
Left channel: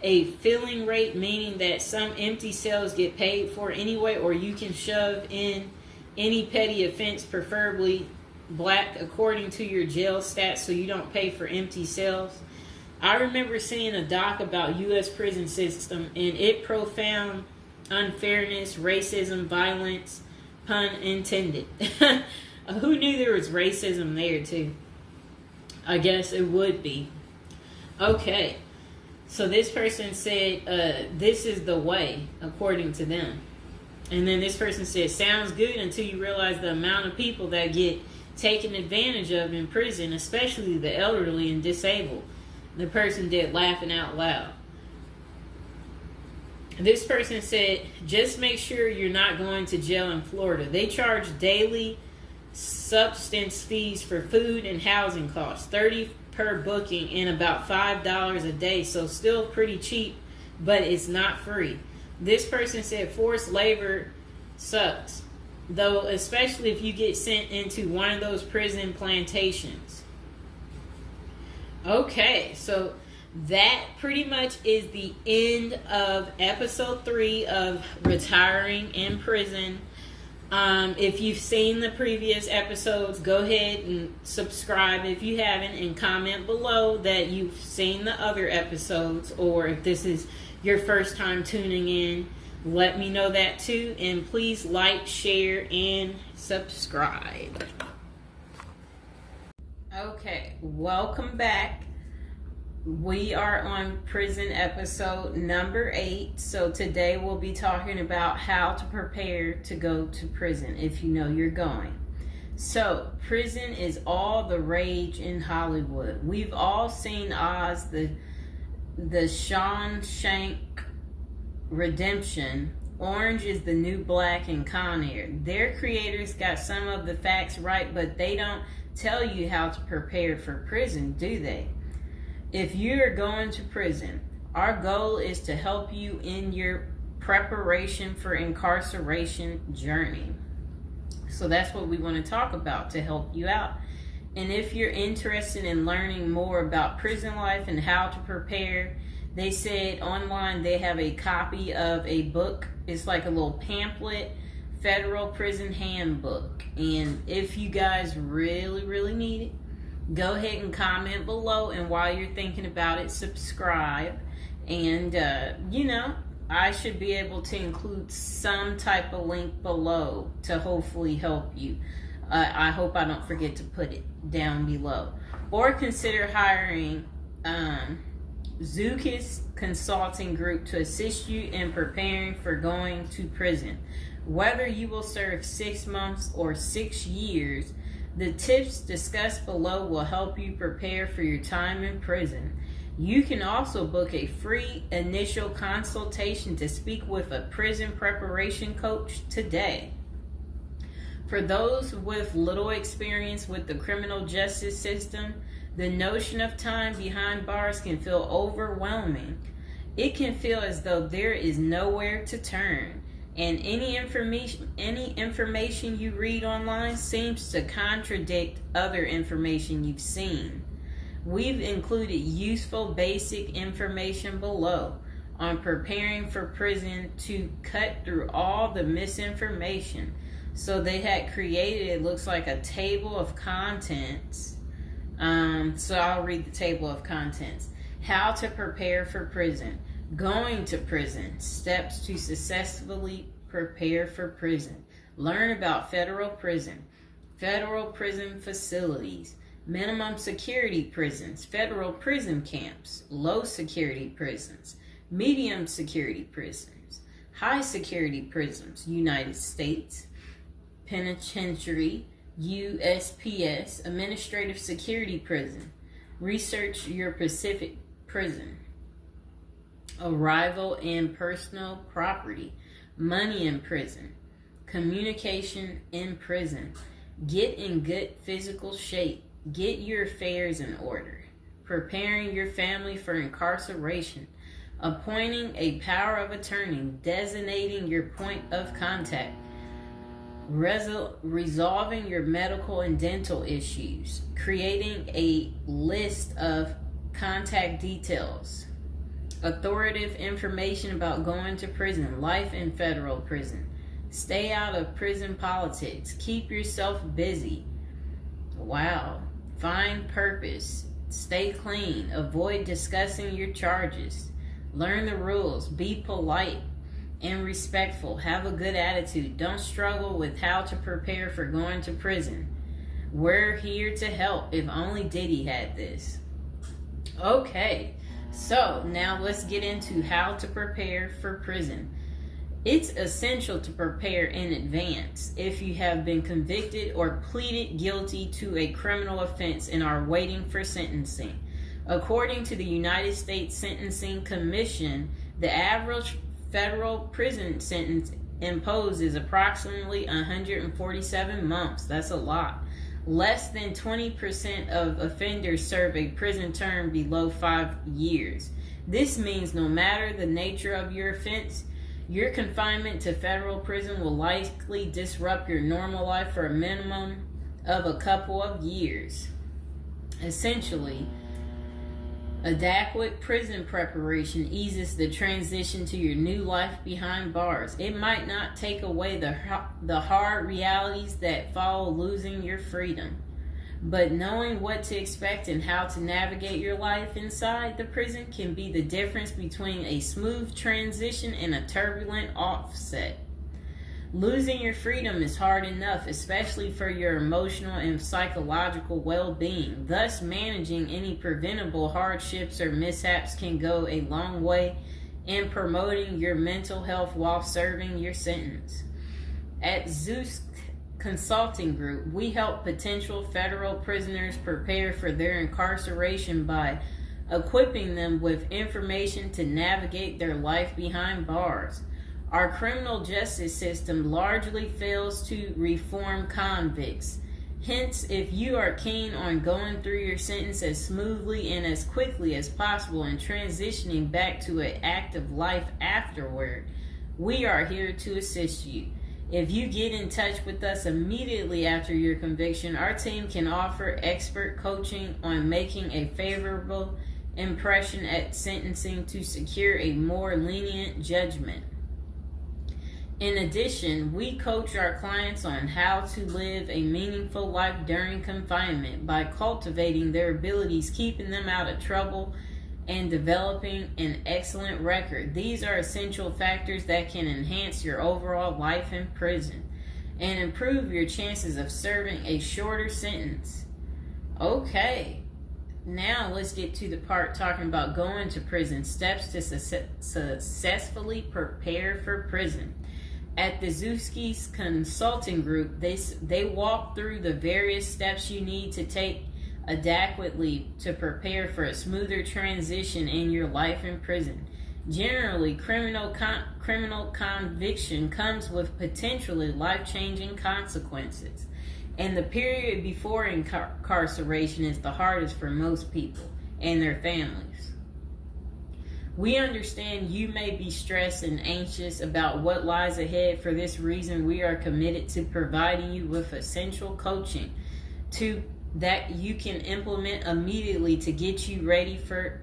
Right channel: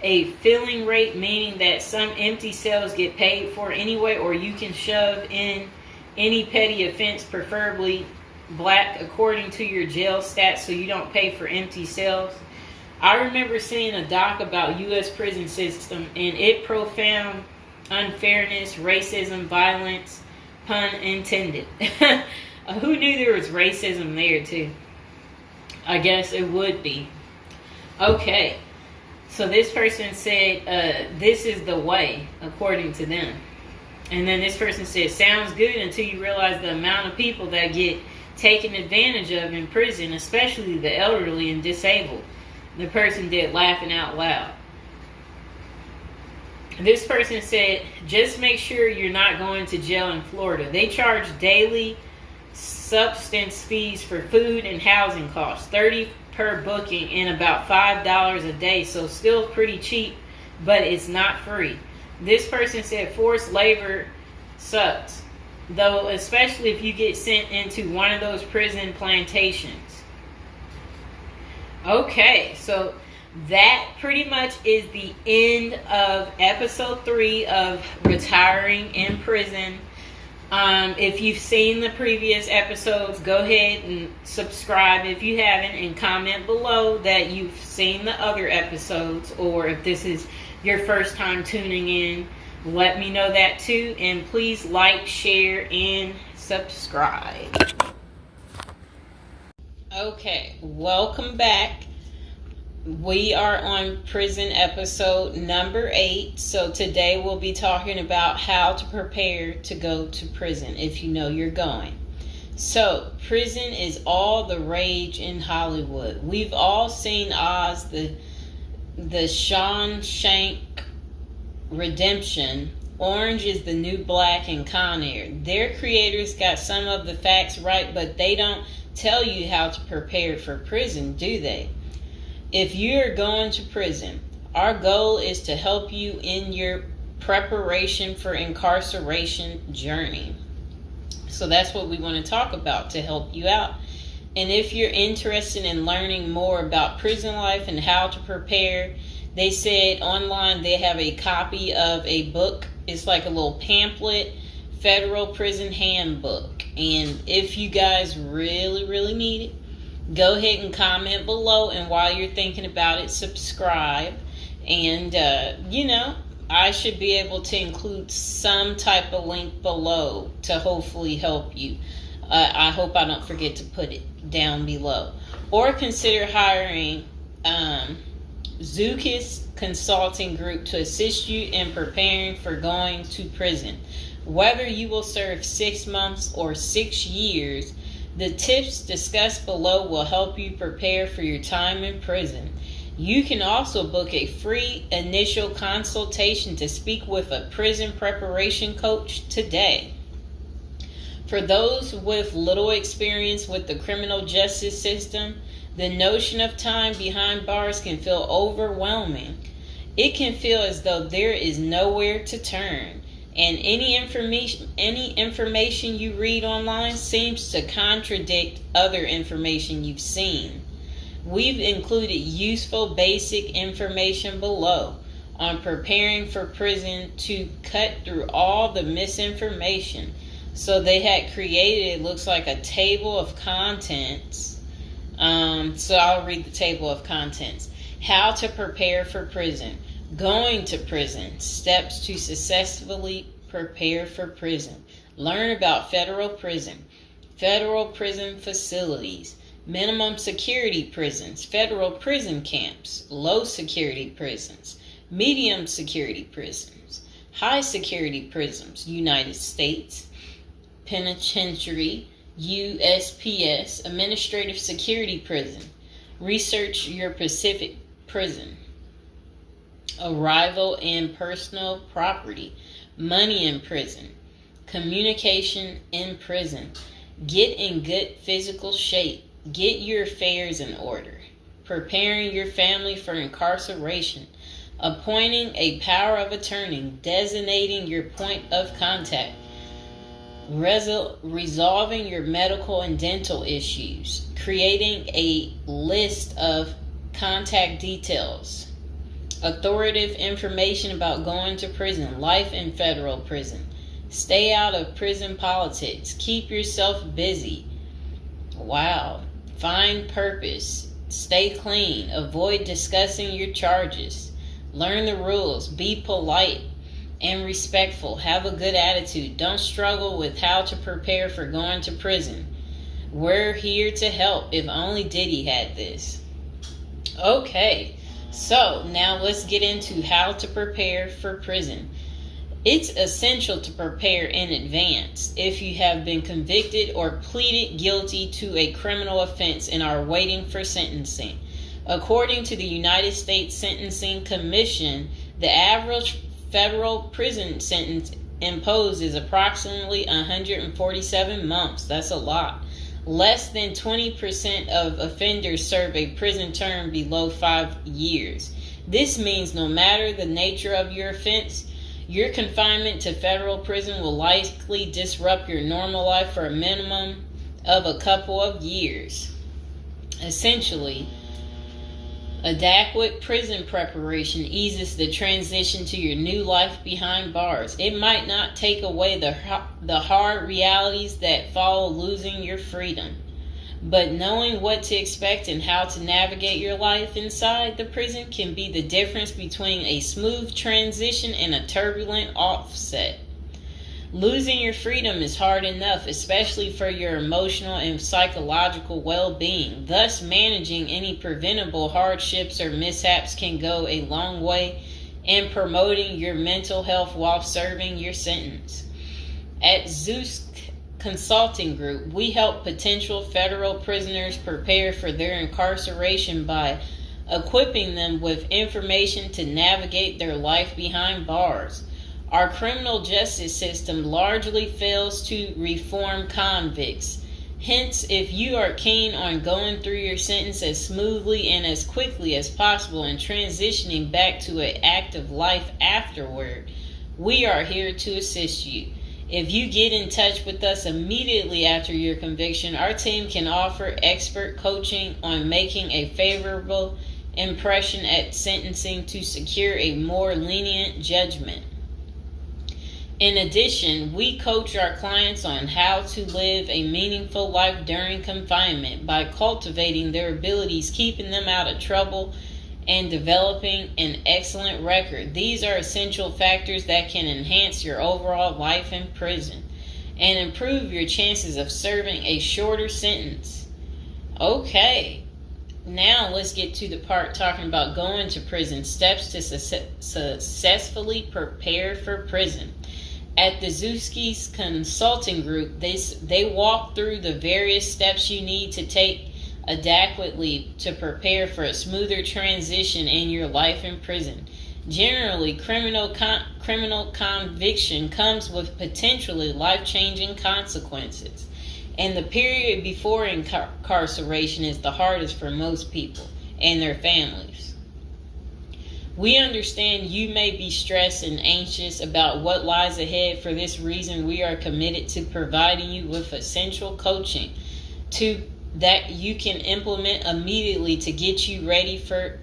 a filling rate, meaning that some empty cells get paid for anyway, or you can shove in any petty offense, preferably black, according to your jail stats, so you don't pay for empty cells. I remember seeing a doc about U.S. prison system, and it profound unfairness, racism, violence, pun intended. Who knew there was racism there too? I guess it would be. Okay, so this person said, this is the way, according to them. And then this person said, sounds good until you realize the amount of people that get taken advantage of in prison, especially the elderly and disabled. The person did laughing out loud. This person said, just make sure you're not going to jail in Florida. They charge daily substance fees for food and housing costs, $30 per booking and about $5 a day, so still pretty cheap, but it's not free. This person said forced labor sucks, though, especially if you get sent into one of those prison plantations. Okay, so that pretty much is the end of episode 3 of Retiring in Prison. If you've seen the previous episodes, go ahead and subscribe if you haven't, and comment below that you've seen the other episodes, or if this is your first time tuning in, let me know that too. And please like, share, and subscribe. Okay, welcome back. We are on prison episode number 8. So today we'll be talking about how to prepare to go to prison if you know you're going. So prison is all the rage in Hollywood. We've all seen Oz, the Shawshank Redemption, Orange is the New Black, and Con Air. Their creators got some of the facts right, but they don't tell you how to prepare for prison, do they? If you're going to prison, our goal is to help you in your preparation for incarceration journey. So that's what we want to talk about to help you out. And if you're interested in learning more about prison life and how to prepare, they said online they have a copy of a book. It's like a little pamphlet, Federal Prison Handbook. And if you guys really need it, go ahead and comment below, and while you're thinking about it, subscribe. And I should be able to include some type of link below to hopefully help you. I hope I don't forget to put it down below. Or consider hiring Zukis Consulting Group to assist you in preparing for going to prison. Whether you will serve 6 months or 6 years, the tips discussed below will help you prepare for your time in prison. You can also book a free initial consultation to speak with a prison preparation coach today. For those with little experience with the criminal justice system, the notion of time behind bars can feel overwhelming. It can feel as though there is nowhere to turn, and any information you read online seems to contradict other information you've seen. We've included useful basic information below on preparing for prison to cut through all the misinformation. So they had created, it looks like a table of contents. So I'll read the table of contents. How to prepare for prison. Going to prison. Steps to successfully prepare for prison. Learn about federal prison. Federal prison facilities. Minimum security prisons. Federal prison camps. Low security prisons. Medium security prisons. High security prisons. United States Penitentiary. USPS. Administrative security prison. Research your Pacific prison. Arrival and personal property. Money in prison. Communication in prison. Get in good physical shape. Get your affairs in order. Preparing your family for incarceration. Appointing a power of attorney. Designating your point of contact. Resolving your medical and dental issues. Creating a list of contact details. Authoritative information about going to prison. Life in federal prison. Stay out of prison politics. Keep yourself busy. Wow. Find purpose. Stay clean. Avoid discussing your charges. Learn the rules. Be polite and respectful. Have a good attitude. Don't struggle with how to prepare for going to prison. We're here to help. If only Diddy had this. Okay, so now let's get into how to prepare for prison. It's essential to prepare in advance if you have been convicted or pleaded guilty to a criminal offense and are waiting for sentencing. According to the United States Sentencing Commission, the average federal prison sentence imposed is approximately 147 months. That's a lot. Less than 20% of offenders serve a prison term below 5 years. This means no matter the nature of your offense, your confinement to federal prison will likely disrupt your normal life for a minimum of a couple of years. Essentially, adequate prison preparation eases the transition to your new life behind bars. It might not take away the hard realities that follow losing your freedom, but knowing what to expect and how to navigate your life inside the prison can be the difference between a smooth transition and a turbulent offset. Losing your freedom is hard enough, especially for your emotional and psychological well-being. Thus, managing any preventable hardships or mishaps can go a long way in promoting your mental health while serving your sentence. At Zeus Consulting Group, we help potential federal prisoners prepare for their incarceration by equipping them with information to navigate their life behind bars. Our criminal justice system largely fails to reform convicts. Hence, if you are keen on going through your sentence as smoothly and as quickly as possible and transitioning back to an active life afterward, we are here to assist you. If you get in touch with us immediately after your conviction, our team can offer expert coaching on making a favorable impression at sentencing to secure a more lenient judgment. In addition, we coach our clients on how to live a meaningful life during confinement by cultivating their abilities, keeping them out of trouble, and developing an excellent record. These are essential factors that can enhance your overall life in prison and improve your chances of serving a shorter sentence. Okay, now let's get to the part talking about going to prison, steps to successfully prepare for prison. At the Zuski's Consulting Group, they walk through the various steps you need to take adequately to prepare for a smoother transition in your life in prison. Generally, criminal conviction comes with potentially life-changing consequences, and the period before incarceration is the hardest for most people and their families. We understand you may be stressed and anxious about what lies ahead. For this reason, we are committed to providing you with essential coaching to that you can implement immediately to get you ready for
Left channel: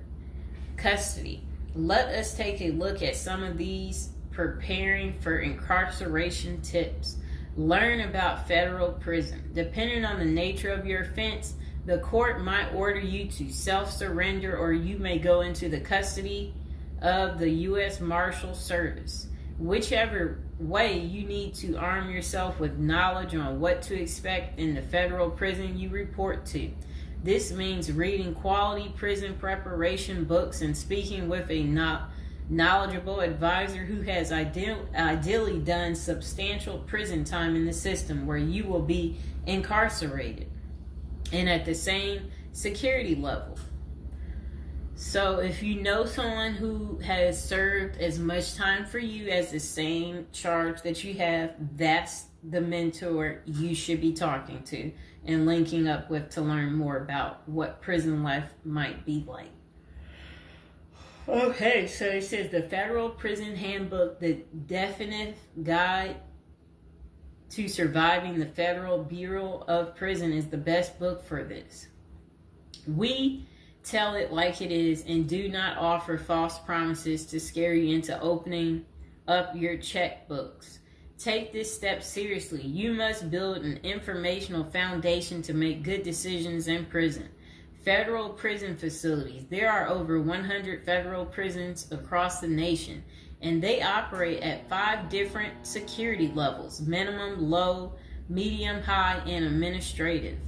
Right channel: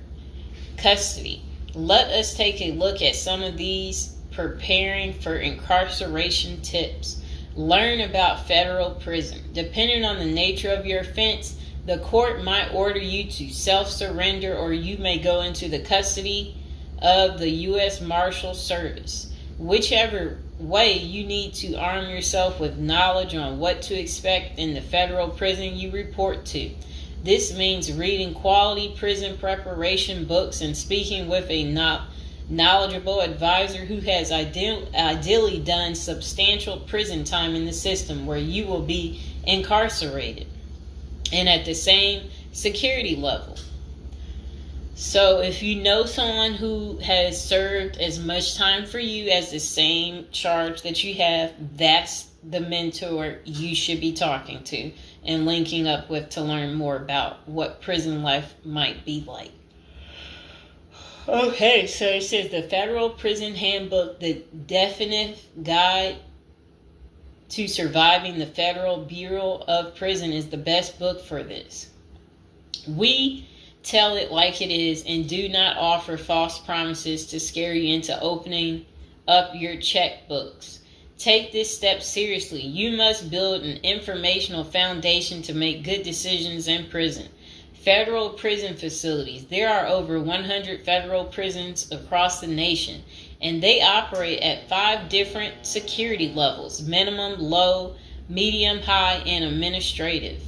custody. Let us take a look at some of these preparing for incarceration tips. Learn about federal prison. Depending on the nature of your offense, the court might order you to self-surrender, or you may go into the custody of the U.S. Marshal Service. Whichever way, you need to arm yourself with knowledge on what to expect in the federal prison you report to. This means reading quality prison preparation books and speaking with a knowledgeable advisor who has ideally done substantial prison time in the system where you will be incarcerated and at the same security level. So if you know someone who has served as much time for you as the same charge that you have, that's the mentor you should be talking to and linking up with to learn more about what prison life might be like. Okay, so it says the Federal Prison Handbook, the definitive guide to surviving the Federal Bureau of Prison, is the best book for this. We tell it like it is and do not offer false promises to scare you into opening up your checkbooks. Take this step seriously. You must build an informational foundation to make good decisions in prison. Federal prison facilities. There are over 100 federal prisons across the nation, and they operate at 5 different security levels: minimum, low, medium, high, and administrative.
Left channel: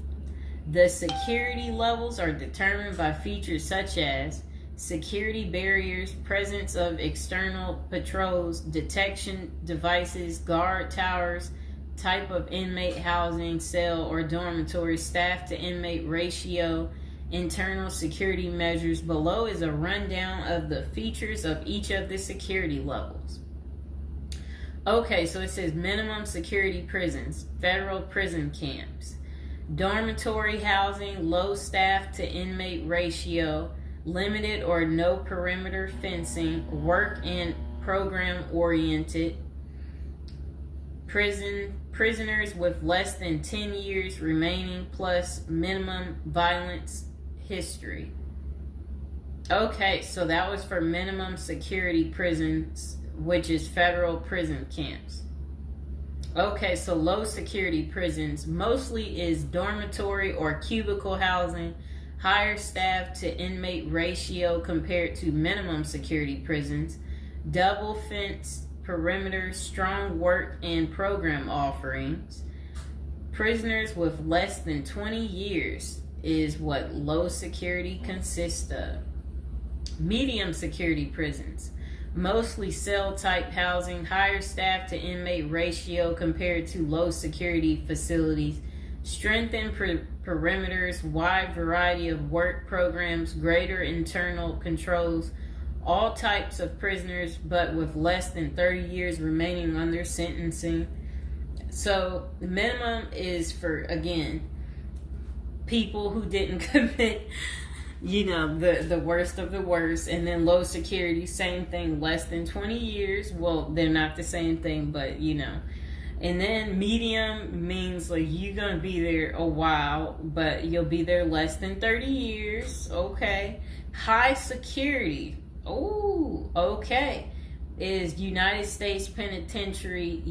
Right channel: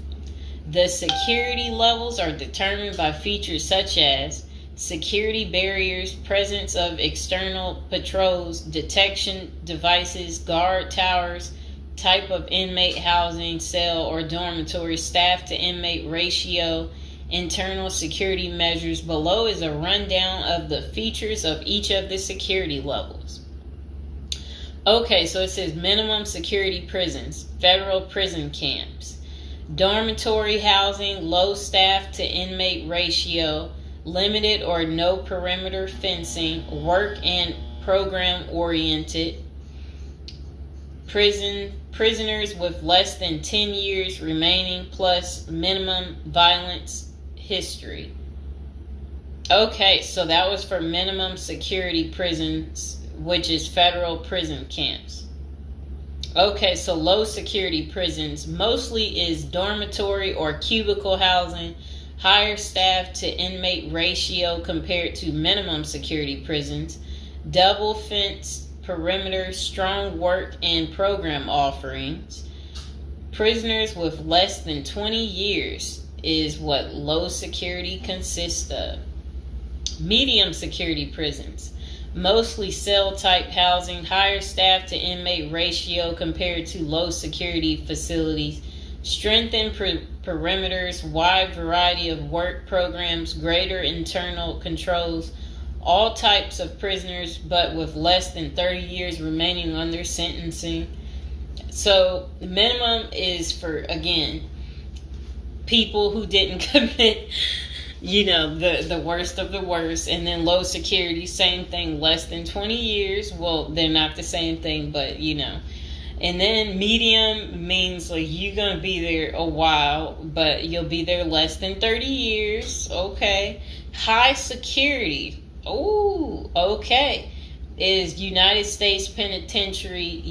The security levels are determined by features such as security barriers, presence of external patrols, detection devices, guard towers, type of inmate housing, cell or dormitory, staff to inmate ratio, internal security measures. Below is a rundown of the features of each of the security levels. Okay, so it says minimum security prisons, federal prison camps. Dormitory housing, low staff to inmate ratio, limited or no perimeter fencing, work and program oriented. Prisoners with less than 10 years remaining plus minimum violence history. Okay, so that was for minimum security prisons, which is federal prison camps. Okay, so low security prisons mostly is dormitory or cubicle housing, higher staff to inmate ratio compared to minimum security prisons, double fence perimeter, strong work and program offerings. Prisoners with less than 20 years is what low security consists of. Medium security prisons, mostly cell type housing, higher staff to inmate ratio compared to low security facilities, strengthened perimeters, wide variety of work programs, greater internal controls, all types of prisoners but with less than 30 years remaining on their sentencing. So the minimum is for, again, people who didn't commit the worst of the worst. And then low security, same thing, less than 20 years. Well, they're not the same thing, but And then medium means like you're going to be there a while, but you'll be there less than 30 years. Okay. High security. Oh, okay. Is United States Penitentiary,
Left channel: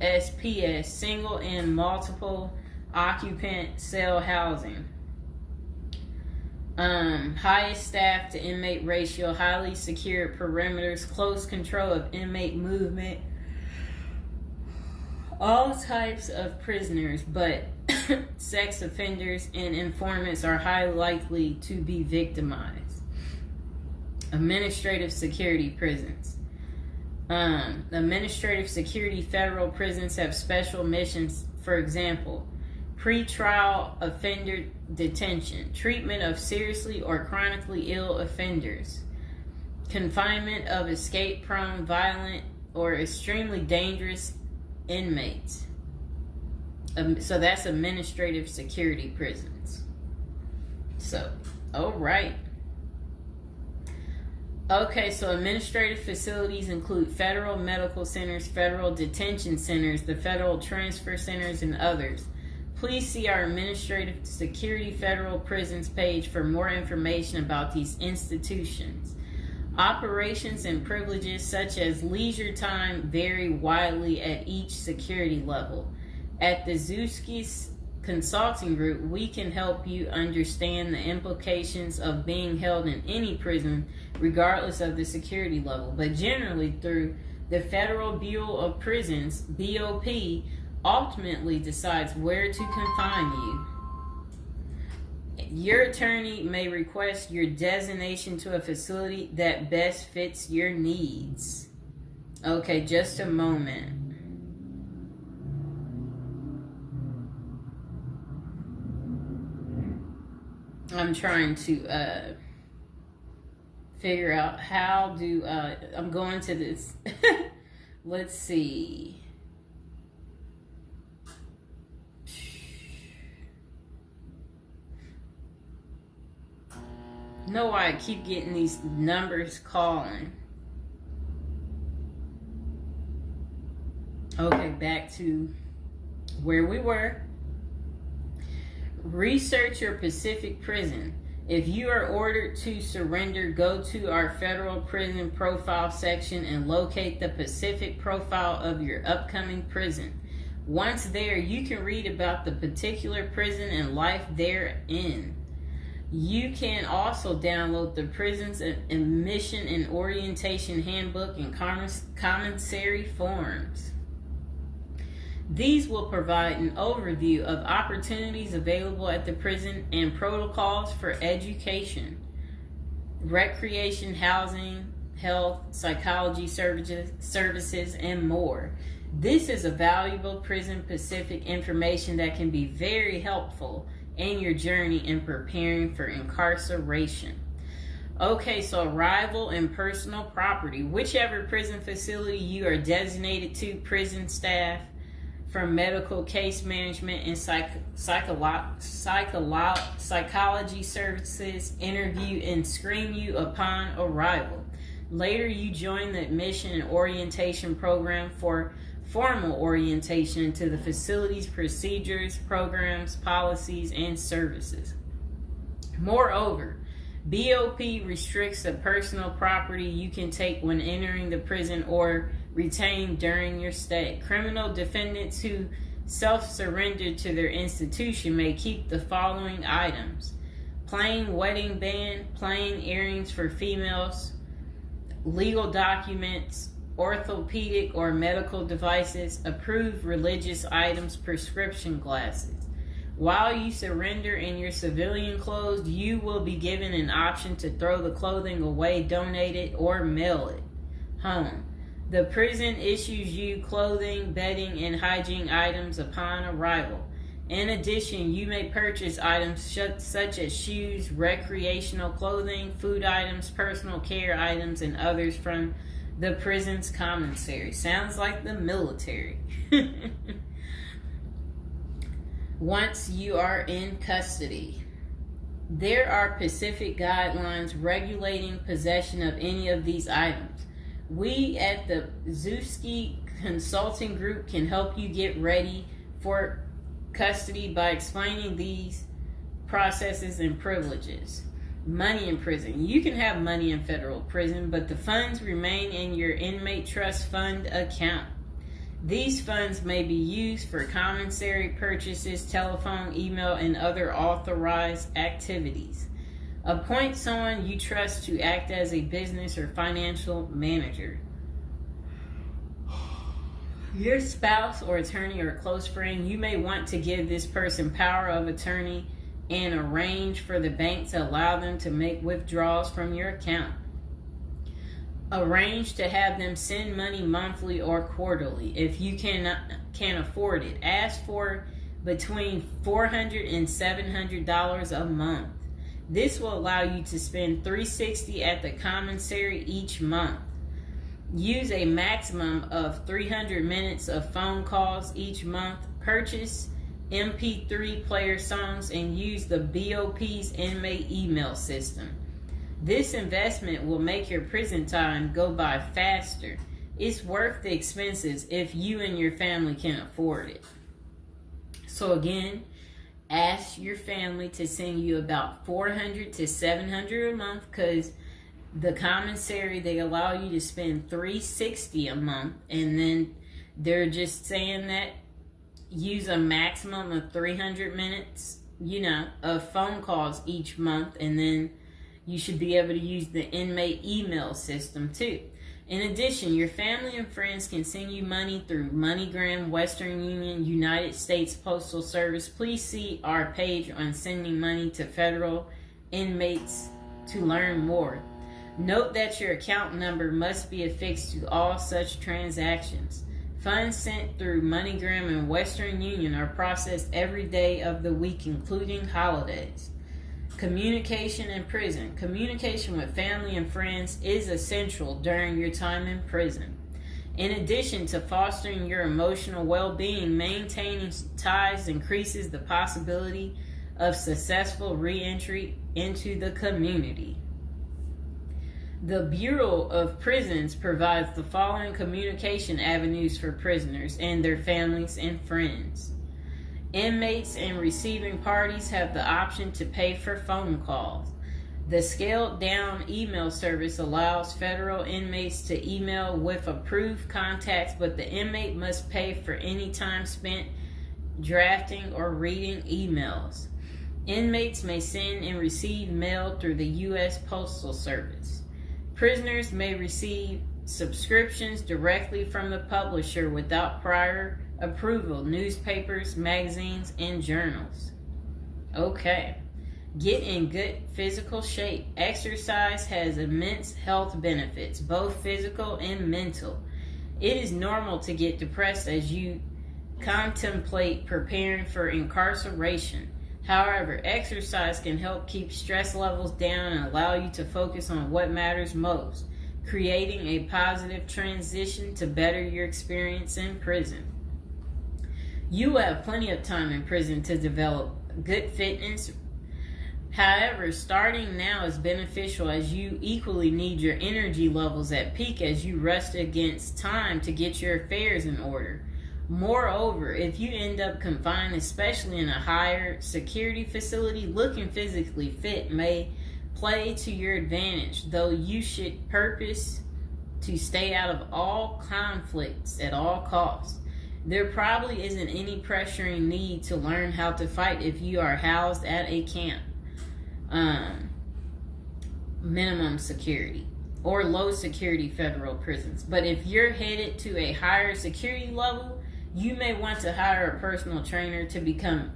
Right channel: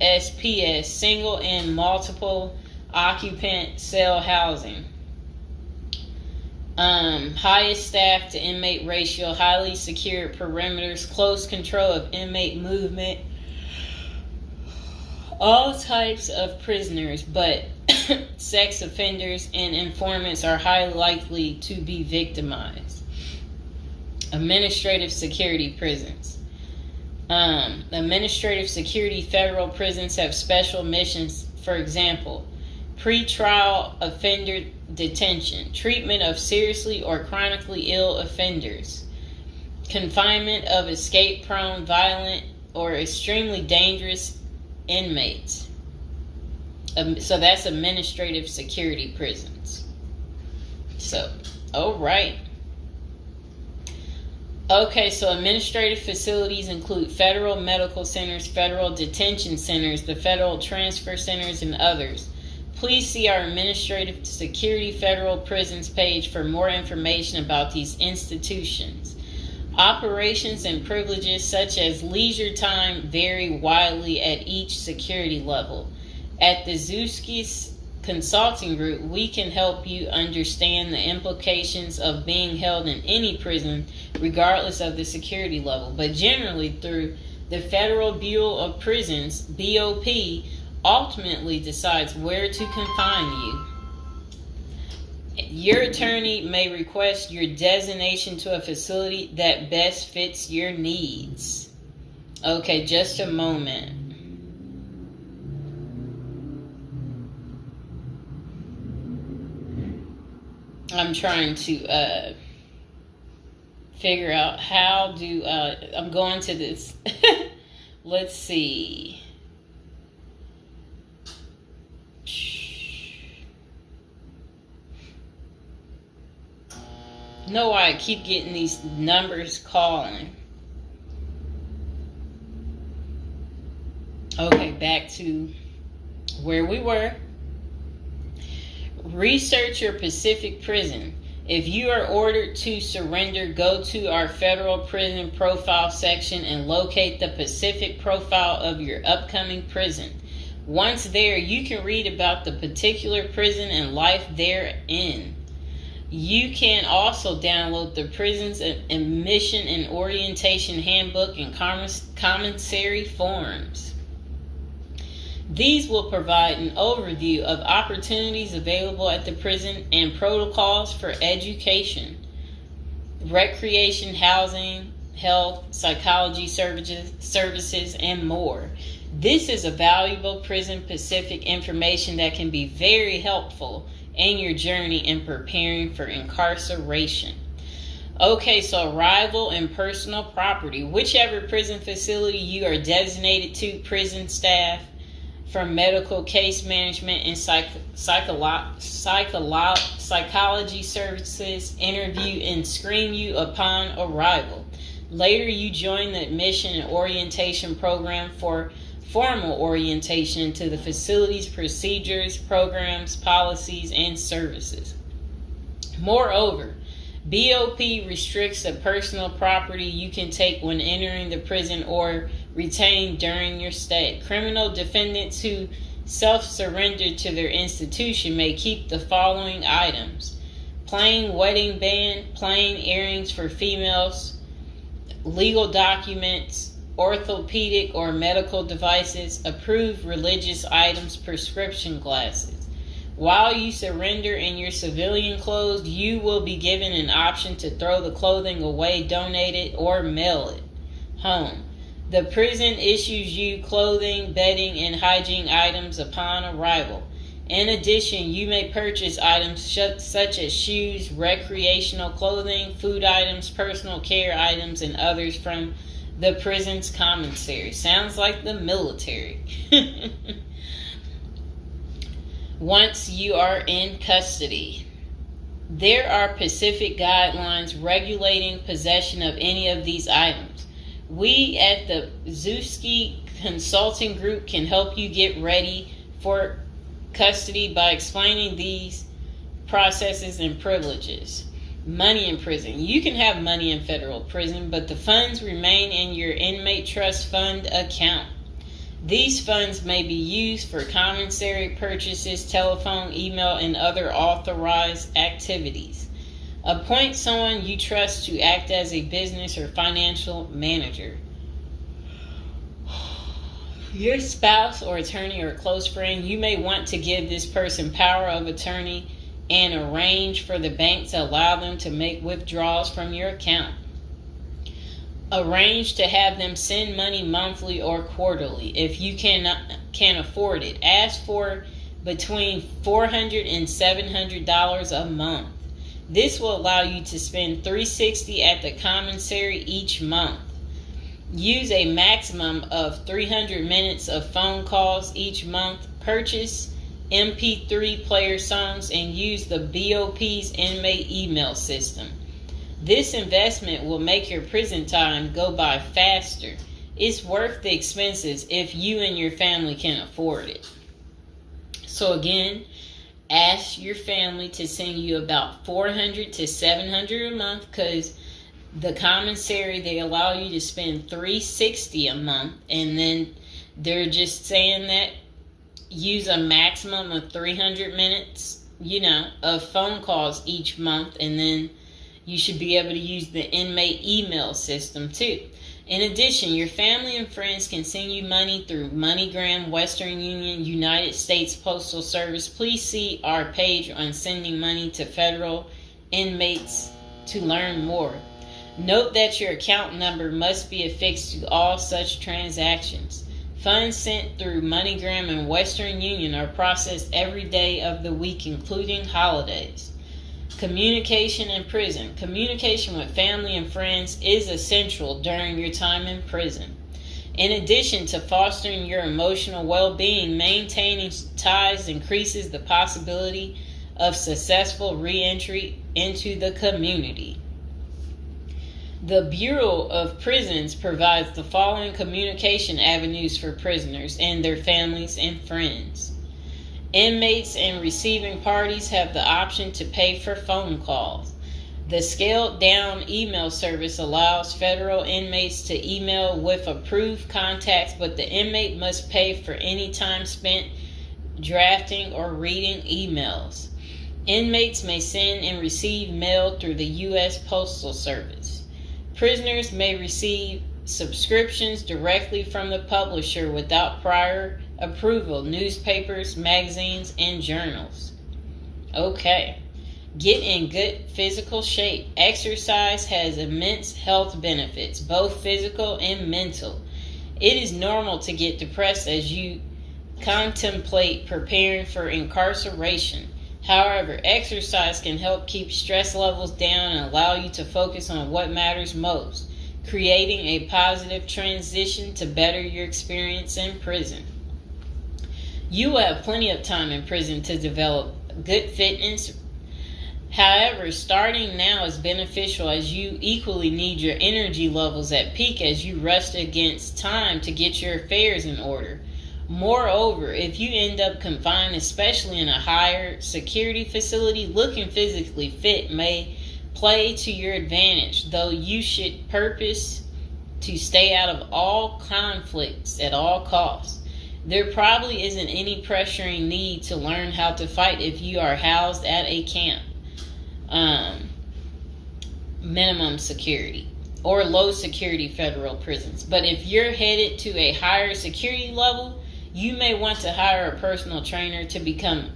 USPS, single and multiple occupant cell housing. Highest staff to inmate ratio, highly secure perimeters, close control of inmate movement, all types of prisoners, but sex offenders and informants are highly likely to be victimized. Administrative security prisons. Administrative security federal prisons have special missions. For example, pretrial offender detention, treatment of seriously or chronically ill offenders, confinement of escape-prone, violent, or extremely dangerous inmates. So that's administrative security prisons. So, all right. Okay, so administrative facilities include federal medical centers, federal detention centers, the federal transfer centers, and others. Please see our Administrative Security Federal Prisons page for more information about these institutions. Operations and privileges such as leisure time vary widely at each security level. At the Zuski Consulting Group, we can help you understand the implications of being held in any prison, regardless of the security level. But generally, through the Federal Bureau of Prisons, BOP, ultimately decides where to confine you. Your attorney may request your designation to a facility that best fits your needs. Okay, just a moment. I'm trying to figure out how do I'm going to this. Let's see. Know why I keep getting these numbers calling. Okay, back to where we were. Research your Pacific prison. If you are ordered to surrender, go to our federal prison profile section and locate the Pacific profile of your upcoming prison. Once there, you can read about the particular prison and life therein. You can also download the Prison's Admission and Orientation Handbook and commissary forms. These will provide an overview of opportunities available at the prison and protocols for education, recreation, housing, health, psychology services, and more. This is a valuable Prison Pacific information that can be very helpful in your journey in preparing for incarceration. Okay, so arrival and personal property. Whichever prison facility you are designated to, prison staff from medical case management and psychology services interview and screen you upon arrival. Later, you join the admission and orientation program for formal orientation into the facility's procedures, programs, policies, and services. Moreover, BOP restricts the personal property you can take when entering the prison or retain during your stay. Criminal defendants who self-surrender to their institution may keep the following items: plain wedding band, plain earrings for females, legal documents, orthopedic or medical devices, approved religious items, prescription glasses. While you surrender in your civilian clothes, you will be given an option to throw the clothing away, donate it, or mail it home. The prison issues you clothing, bedding, and hygiene items upon arrival. In addition, you may purchase items such as shoes, recreational clothing, food items, personal care items, and others from the prison's commissary. Sounds like the military. Once you are in custody, there are Pacific guidelines regulating possession of any of these items. We at the Zuski Consulting Group can help you get ready for custody by explaining these processes and privileges. Money in prison. You can have money in federal prison, but the funds remain in your inmate trust fund account. These funds may be used for commissary purchases, telephone, email, and other authorized activities. Appoint someone you trust to act as a business or financial manager. Your spouse or attorney or close friend, you may want to give this person power of attorney and arrange for the bank to allow them to make withdrawals from your account. Arrange to have them send money monthly or quarterly if you can afford it. Ask for between $400 and $700 a month. This will allow you to spend $360 at the commissary each month. Use a maximum of 300 minutes of phone calls each month. Purchase MP3 player songs and use the BOP's inmate email system. This investment will make your prison time go by faster. It's worth the expenses if you and your family can afford it. So again, ask your family to send you about $400 to $700 a month, because the commissary, they allow you to spend $360 a month, and then they're just saying that use a maximum of 300 minutes, of phone calls each month, and then you should be able to use the inmate email system too. In addition, your family and friends can send you money through MoneyGram, Western Union, United States Postal Service. Please see our page on sending money to federal inmates to learn more. Note that your account number must be affixed to all such transactions. Funds sent through MoneyGram and Western Union are processed every day of the week, including holidays. Communication in prison. Communication with family and friends is essential during your time in prison. In addition to fostering your emotional well-being, maintaining ties increases the possibility of successful re-entry into the community. The Bureau of Prisons provides the following communication avenues for prisoners and their families and friends. Inmates and receiving parties have the option to pay for phone calls. The scaled-down email service allows federal inmates to email with approved contacts, but the inmate must pay for any time spent drafting or reading emails. Inmates may send and receive mail through the U.S. Postal Service. Prisoners may receive subscriptions directly from the publisher without prior approval, newspapers, magazines, and journals. Okay. Get in good physical shape. Exercise has immense health benefits, both physical and mental. It is normal to get depressed as you contemplate preparing for incarceration. However, exercise can help keep stress levels down and allow you to focus on what matters most, creating a positive transition to better your experience in prison. You have plenty of time in prison to develop good fitness. However, starting now is beneficial, as you equally need your energy levels at peak as you rush against time to get your affairs in order. Moreover, if you end up confined, especially in a higher security facility, looking physically fit may play to your advantage, though you should purpose to stay out of all conflicts at all costs. There probably isn't any pressuring need to learn how to fight if you are housed at a camp, minimum security, or low security federal prisons. But if you're headed to a higher security level, you may want to hire a personal trainer to become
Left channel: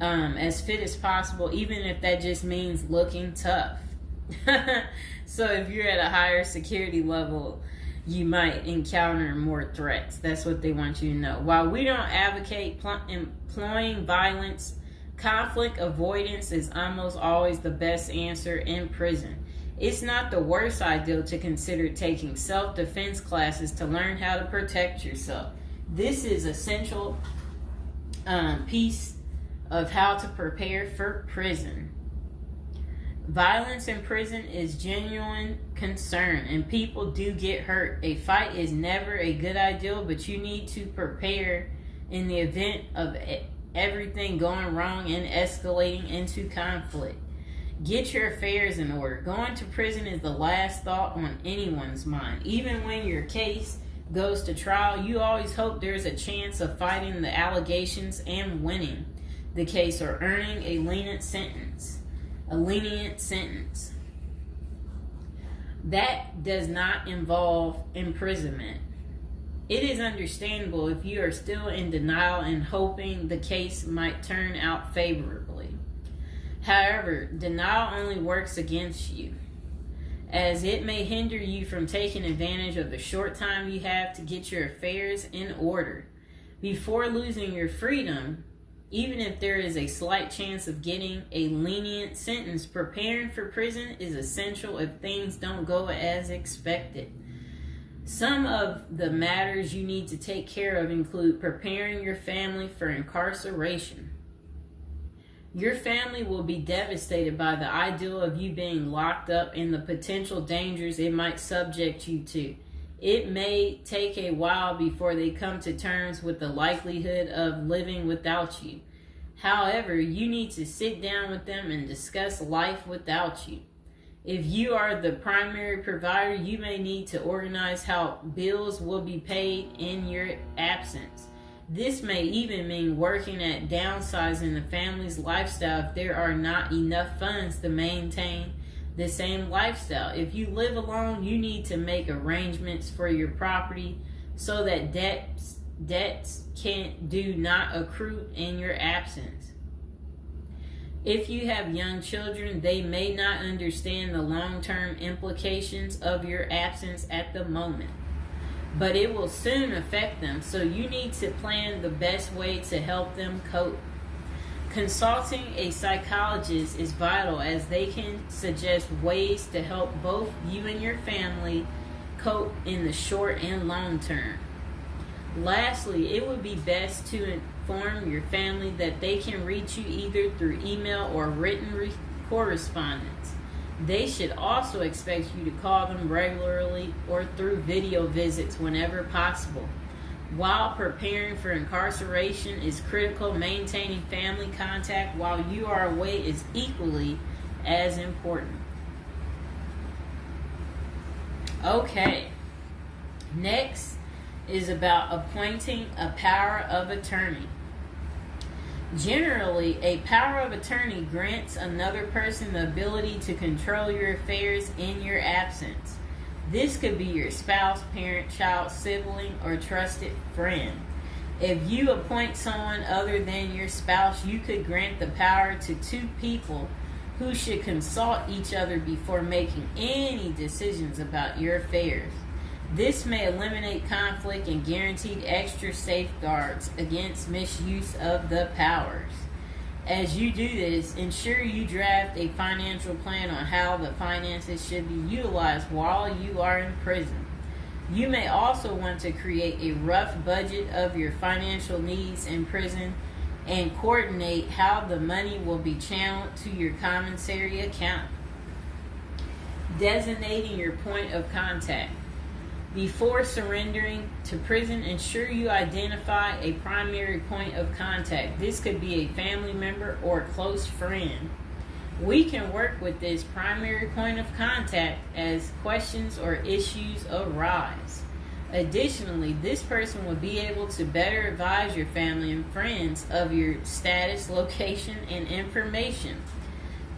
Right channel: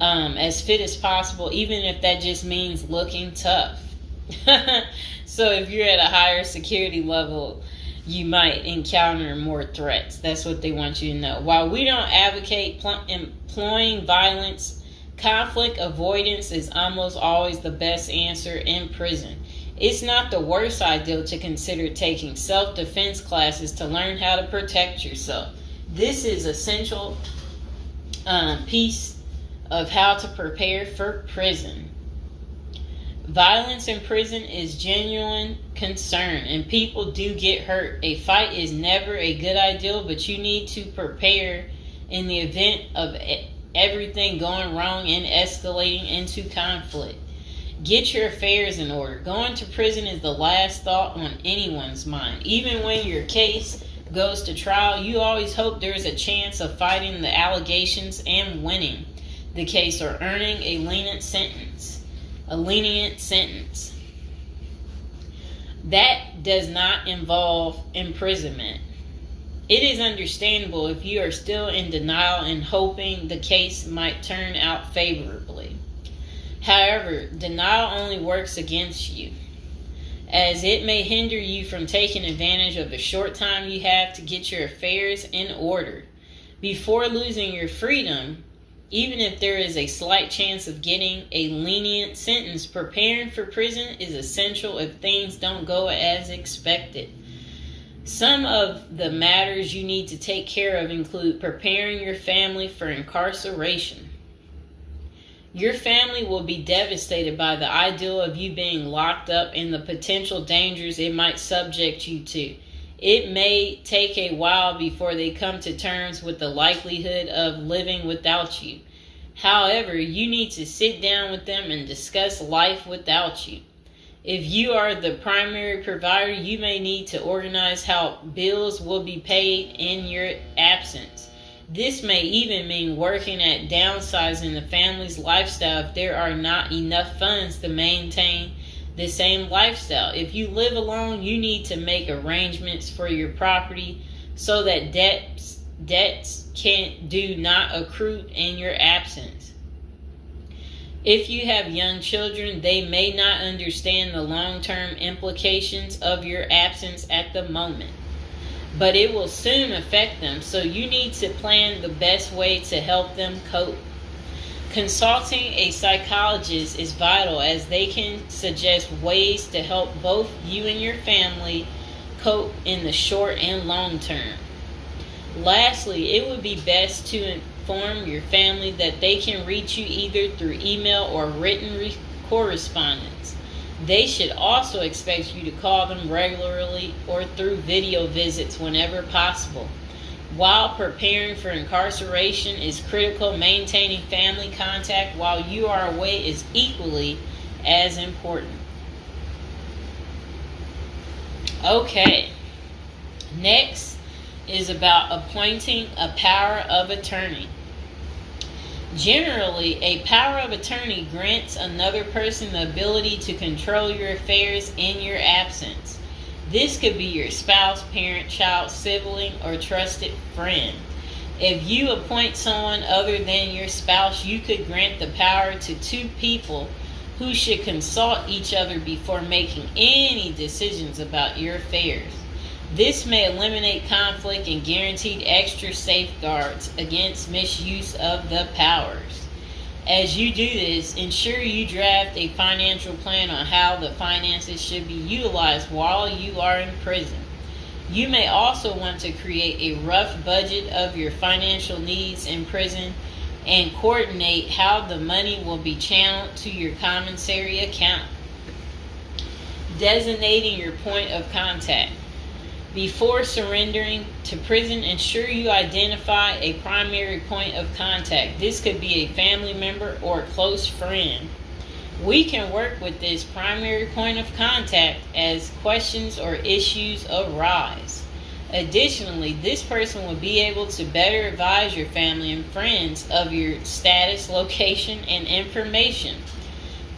as fit as possible, even if that just means looking tough. So if you're at a higher security level, you might encounter more threats. That's what they want you to know. While we don't advocate employing violence, conflict avoidance is almost always the best answer in prison. It's not the worst idea to consider taking self-defense classes to learn how to protect yourself. This is essential piece of how to prepare for prison. Violence in prison is genuine concern, and people do get hurt. A fight is never a good idea, but you need to prepare in the event of everything going wrong and escalating into conflict. Get your affairs in order. Going to prison is the last thought on anyone's mind. Even when your case goes to trial, you always hope there's a chance of fighting the allegations and winning the case, or earning a lenient sentence. That does not involve imprisonment. It is understandable if you are still in denial and hoping the case might turn out favorably. However, denial only works against you, as it may hinder you from taking advantage of the short time you have to get your affairs in order. Before losing your freedom, even if there is a slight chance of getting a lenient sentence, preparing for prison is essential if things don't go as expected. Some of the matters you need to take care of include preparing your family for incarceration. Your family will be devastated by the idea of you being locked up and the potential dangers it might subject you to. It may take a while before they come to terms with the likelihood of living without you. However, you need to sit down with them and discuss life without you. If you are the primary provider, you may need to organize how bills will be paid in your absence. This may even mean working at downsizing the family's lifestyle if there are not enough funds to maintain the same lifestyle. If you live alone, you need to make arrangements for your property so that debts do not accrue in your absence. If you have young children, they may not understand the long-term implications of your absence at the moment, but it will soon affect them, so you need to plan the best way to help them cope. Consulting a psychologist is vital, as they can suggest ways to help both you and your family cope in the short and long term. Lastly, it would be best to inform your family that they can reach you either through email or written correspondence. They should also expect you to call them regularly or through video visits whenever possible. While preparing for incarceration is critical, maintaining family contact while you are away is equally as important. Okay, next is about appointing a power of attorney. Generally, a power of attorney grants another person the ability to control your affairs in your absence. This could be your spouse, parent, child, sibling, or trusted friend. If you appoint someone other than your spouse, you could grant the power to two people who should consult each other before making any decisions about your affairs. This may eliminate conflict and guarantee extra safeguards against misuse of the powers. As you do this, ensure you draft a financial plan on how the finances should be utilized while you are in prison. You may also want to create a rough budget of your financial needs in prison and coordinate how the money will be channeled to your commissary account. Designating your point of contact. Before surrendering to prison, ensure you identify a primary point of contact. This could be a family member or a close friend. We can work with this primary point of contact as questions or issues arise. Additionally, this person will be able to better advise your family and friends of your status, location, and information.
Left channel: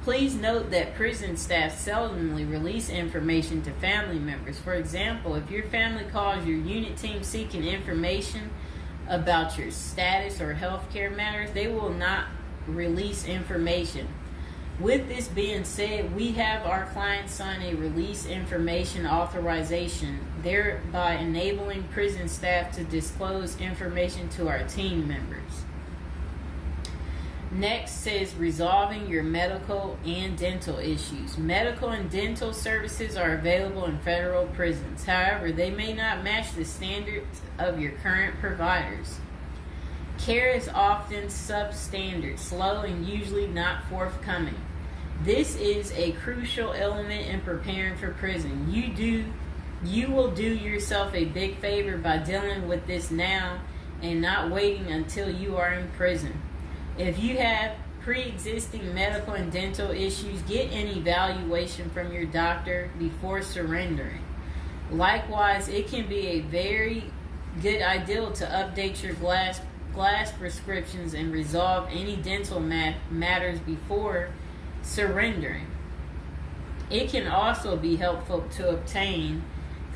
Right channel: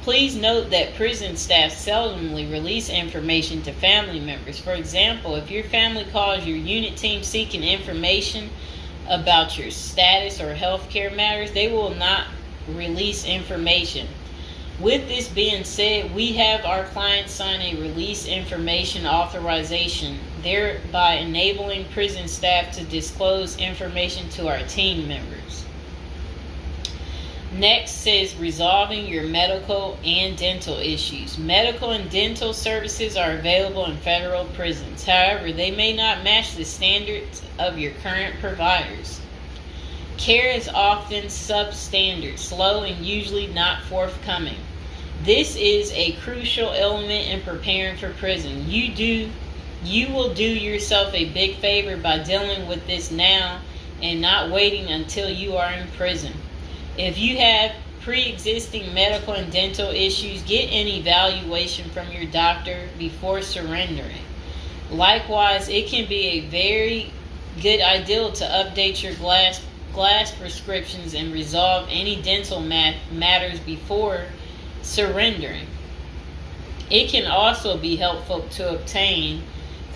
Please note that prison staff seldomly release information to family members. For example, if your family calls your unit team seeking information about your status or healthcare matters, they will not release information. With this being said, we have our clients sign a release information authorization, thereby enabling prison staff to disclose information to our team members. Next says resolving your medical and dental issues. Medical and dental services are available in federal prisons. However, they may not match the standards of your current providers. Care is often substandard, slow, and usually not forthcoming. This is a crucial element in preparing for prison. You will do yourself a big favor by dealing with this now and not waiting until you are in prison. If you have pre-existing medical and dental issues, get an evaluation from your doctor before surrendering. Likewise, it can be a very good idea to update your glass prescriptions and resolve any dental matters before surrendering. It can also be helpful to obtain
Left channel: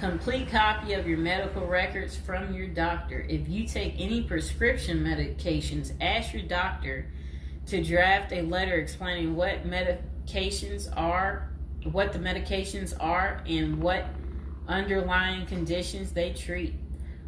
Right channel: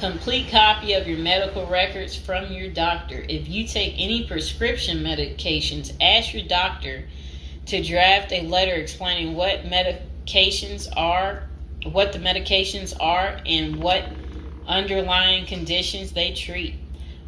complete copy of your medical records from your doctor. If you take any prescription medications, ask your doctor to draft a letter explaining what the medications are, and what underlying conditions they treat.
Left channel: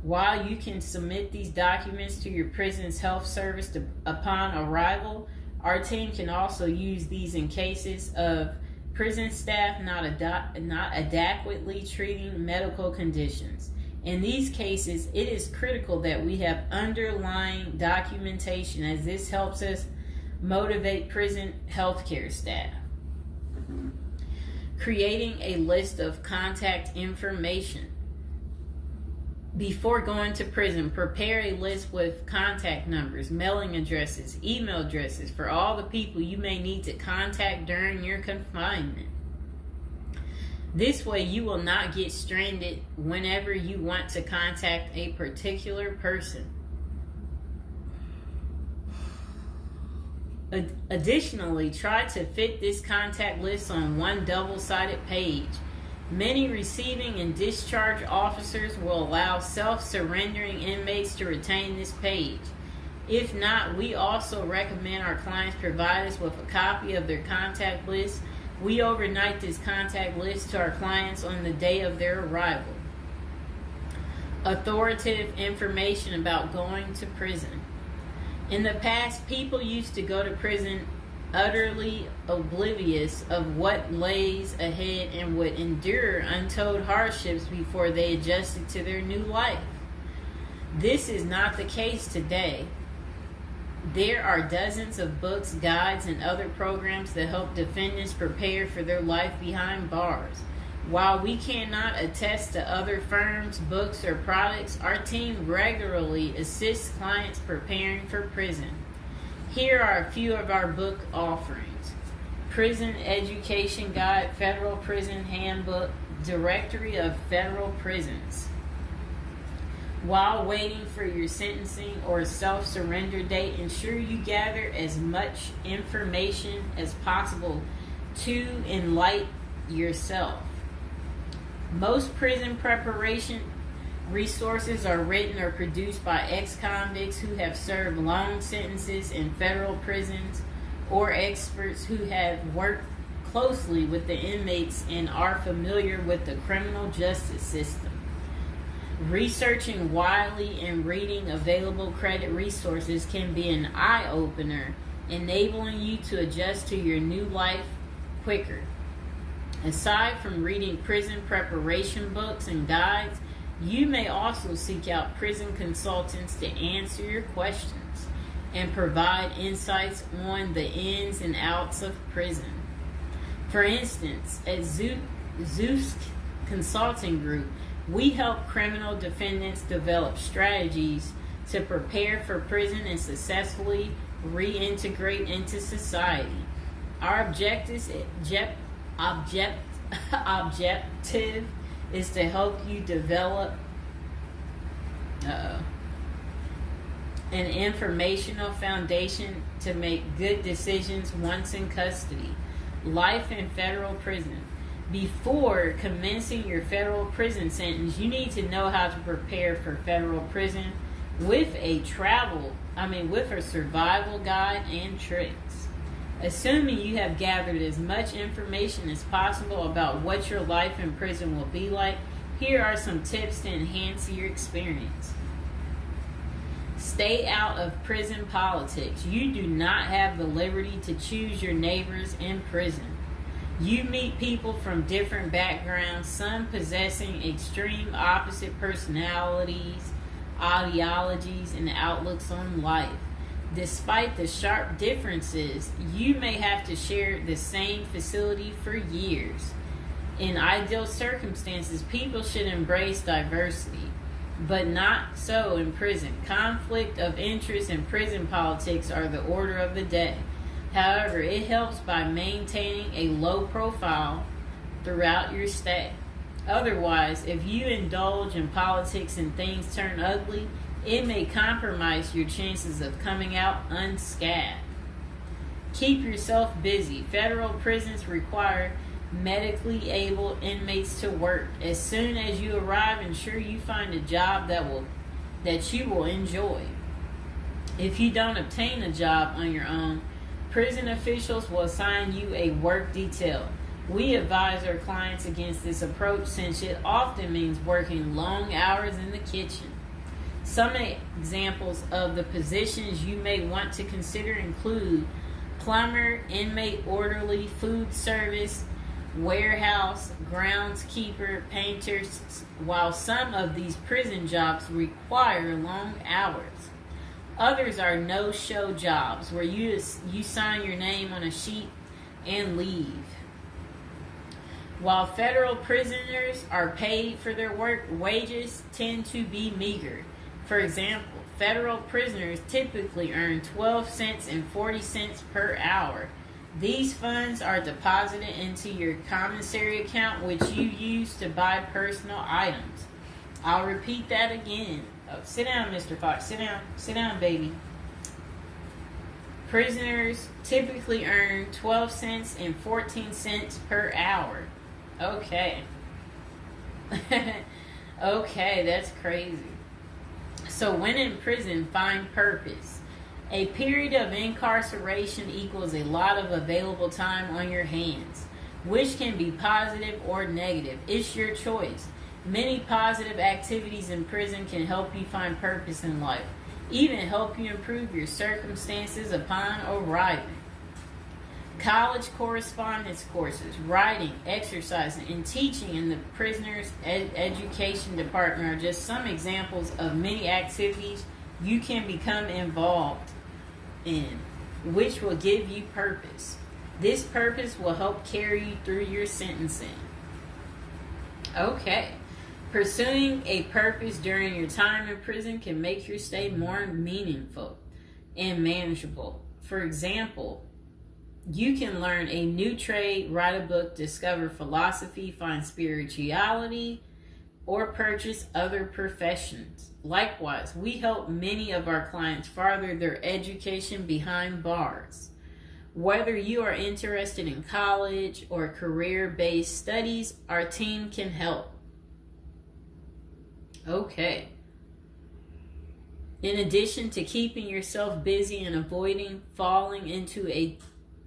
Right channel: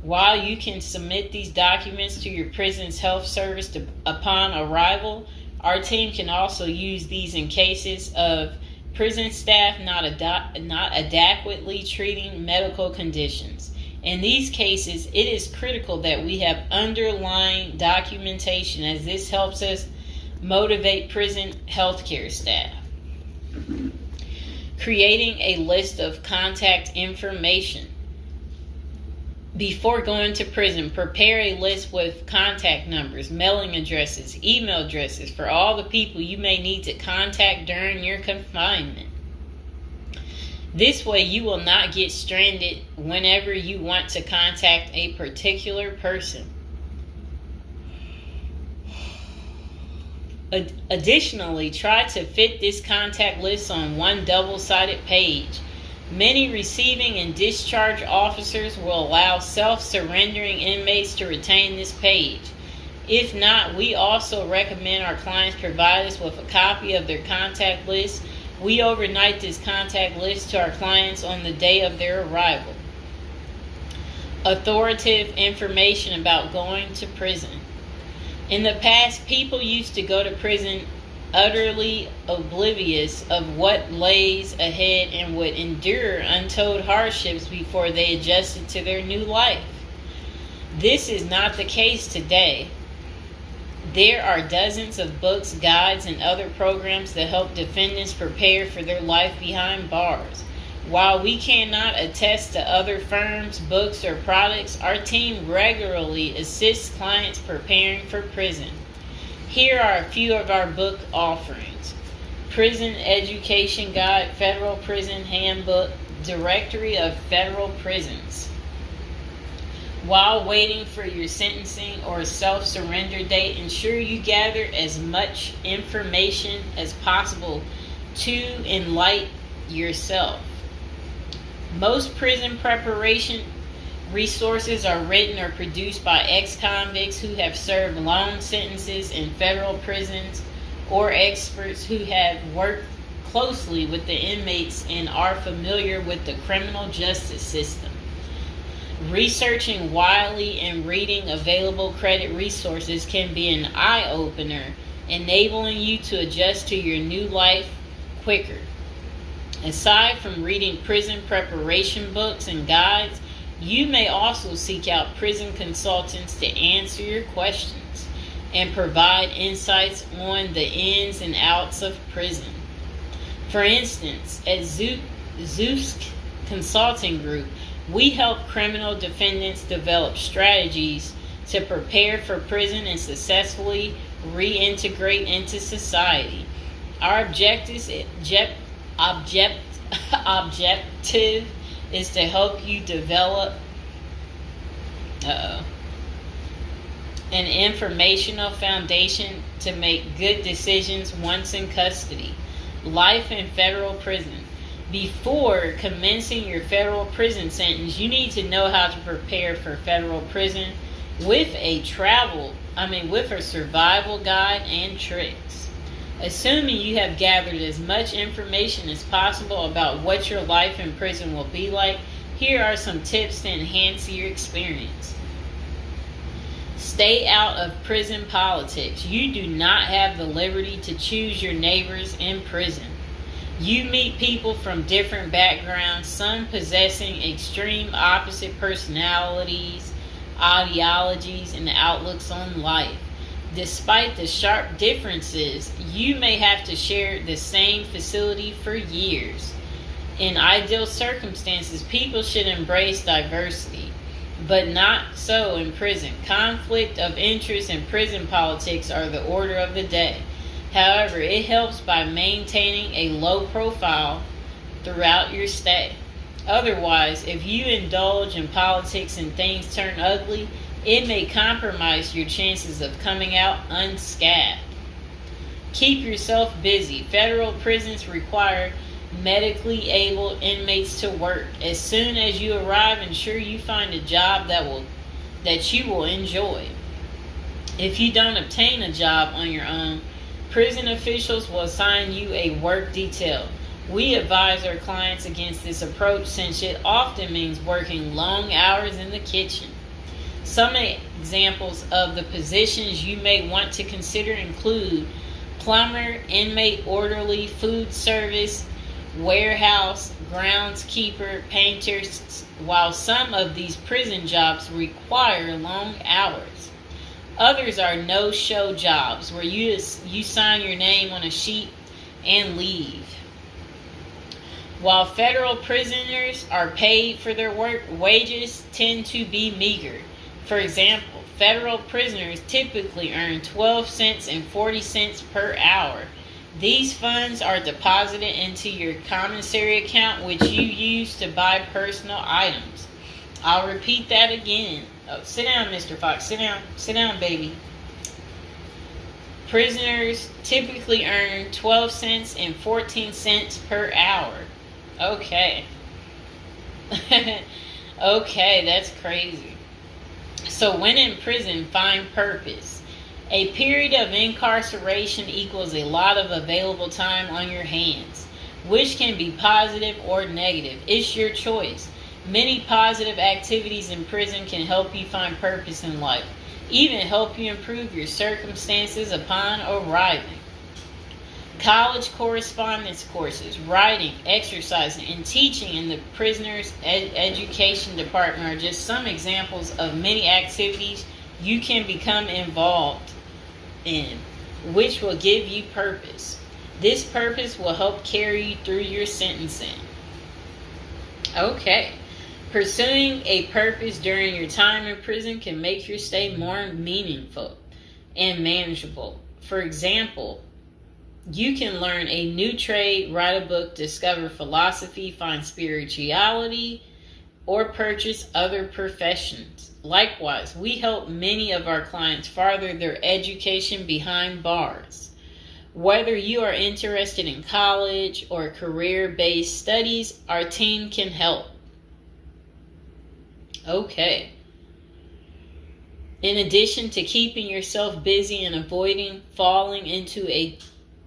While you can submit these documents to your prison's health service upon arrival, our team can also use these in cases of prison staff not adequately treating medical conditions. In these cases, it is critical that we have underlying documentation, as this helps us motivate prison healthcare staff. Creating a list of contact information. Before going to prison, prepare a list with contact numbers, mailing addresses, email addresses for all the people you may need to contact during your confinement. This way, you will not get stranded whenever you want to contact a particular person. Additionally, try to fit this contact list on one double-sided page. Many receiving and discharge officers will allow self-surrendering inmates to retain this page. If not, we also recommend our clients provide us with a copy of their contact list. We overnight this contact list to our clients on the day of their arrival. Authoritative information about going to prison. In the past, people used to go to prison utterly oblivious of what lays ahead and would endure untold hardships before they adjusted to their new life. This is not the case today. There are dozens of books, guides, and other programs that help defendants prepare for their life behind bars. While we cannot attest to other firms, books, or products, our team regularly assists clients preparing for prison. Here are a few of our book offerings: Prison Education Guide, Federal Prison Handbook, Directory of Federal Prisons. While waiting for your sentencing or self-surrender date, ensure you gather as much information as possible to enlighten yourself. Most prison preparation resources are written or produced by ex-convicts who have served long sentences in federal prisons, or experts who have worked closely with the inmates and are familiar with the criminal justice system. Researching widely and reading available credit resources can be an eye-opener, enabling you to adjust to your new life quicker. Aside from reading prison preparation books and guides, you may also seek out prison consultants to answer your questions and provide insights on the ins and outs of prison. For instance, at Zeus Consulting Group, we help criminal defendants develop strategies to prepare for prison and successfully reintegrate into society. Our objective is to help you develop an informational foundation to make good decisions once in custody. Life in federal prison. Before commencing your federal prison sentence, you need to know how to prepare for federal prison with a survival guide and tricks. Assuming you have gathered as much information as possible about what your life in prison will be like, here are some tips to enhance your experience. Stay out of prison politics. You do not have the liberty to choose your neighbors in prison. You meet people from different backgrounds, some possessing extreme opposite personalities, ideologies, and outlooks on life. Despite the sharp differences, you may have to share the same facility for years. In ideal circumstances, people should embrace diversity, but not so in prison. Conflict of interest and prison politics are the order of the day. However, it helps by maintaining a low profile throughout your stay. Otherwise, if you indulge in politics and things turn ugly, it may compromise your chances of coming out unscathed. Keep yourself busy. Federal prisons require medically able inmates to work. As soon as you arrive, ensure you find a job that you will enjoy. If you don't obtain a job on your own, prison officials will assign you a work detail. We advise our clients against this approach since it often means working long hours in the kitchen. Some examples of the positions you may want to consider include plumber, inmate orderly, food service, warehouse, groundskeeper, painters. While some of these prison jobs require long hours, others are no-show jobs where you sign your name on a sheet and leave. While federal prisoners are paid for their work, wages tend to be meager. For example, federal prisoners typically earn 12 cents and 40 cents per hour. These funds are deposited into your commissary account, which you use to buy personal items. I'll repeat that again. Oh, sit down, Mr. Fox. Sit down. Sit down, baby. Prisoners typically earn 12 cents and 14 cents per hour. Okay. Okay, that's crazy. So when in prison, find purpose. A period of incarceration equals a lot of available time on your hands, which can be positive or negative. It's your choice. Many positive activities in prison can help you find purpose in life, even help you improve your circumstances upon arriving. College correspondence courses, writing, exercising, and teaching in the prisoner's education department are just some examples of many activities you can become involved in, which will give you purpose. This purpose will help carry you through your sentencing. Okay. Pursuing a purpose during your time in prison can make your stay more meaningful and manageable. For example, you can learn a new trade, write a book, discover philosophy, find spirituality, or purchase other professions. Likewise, we help many of our clients further their education behind bars. Whether you are interested in college or career-based studies, our team can help. Okay. In addition to keeping yourself busy and avoiding falling into a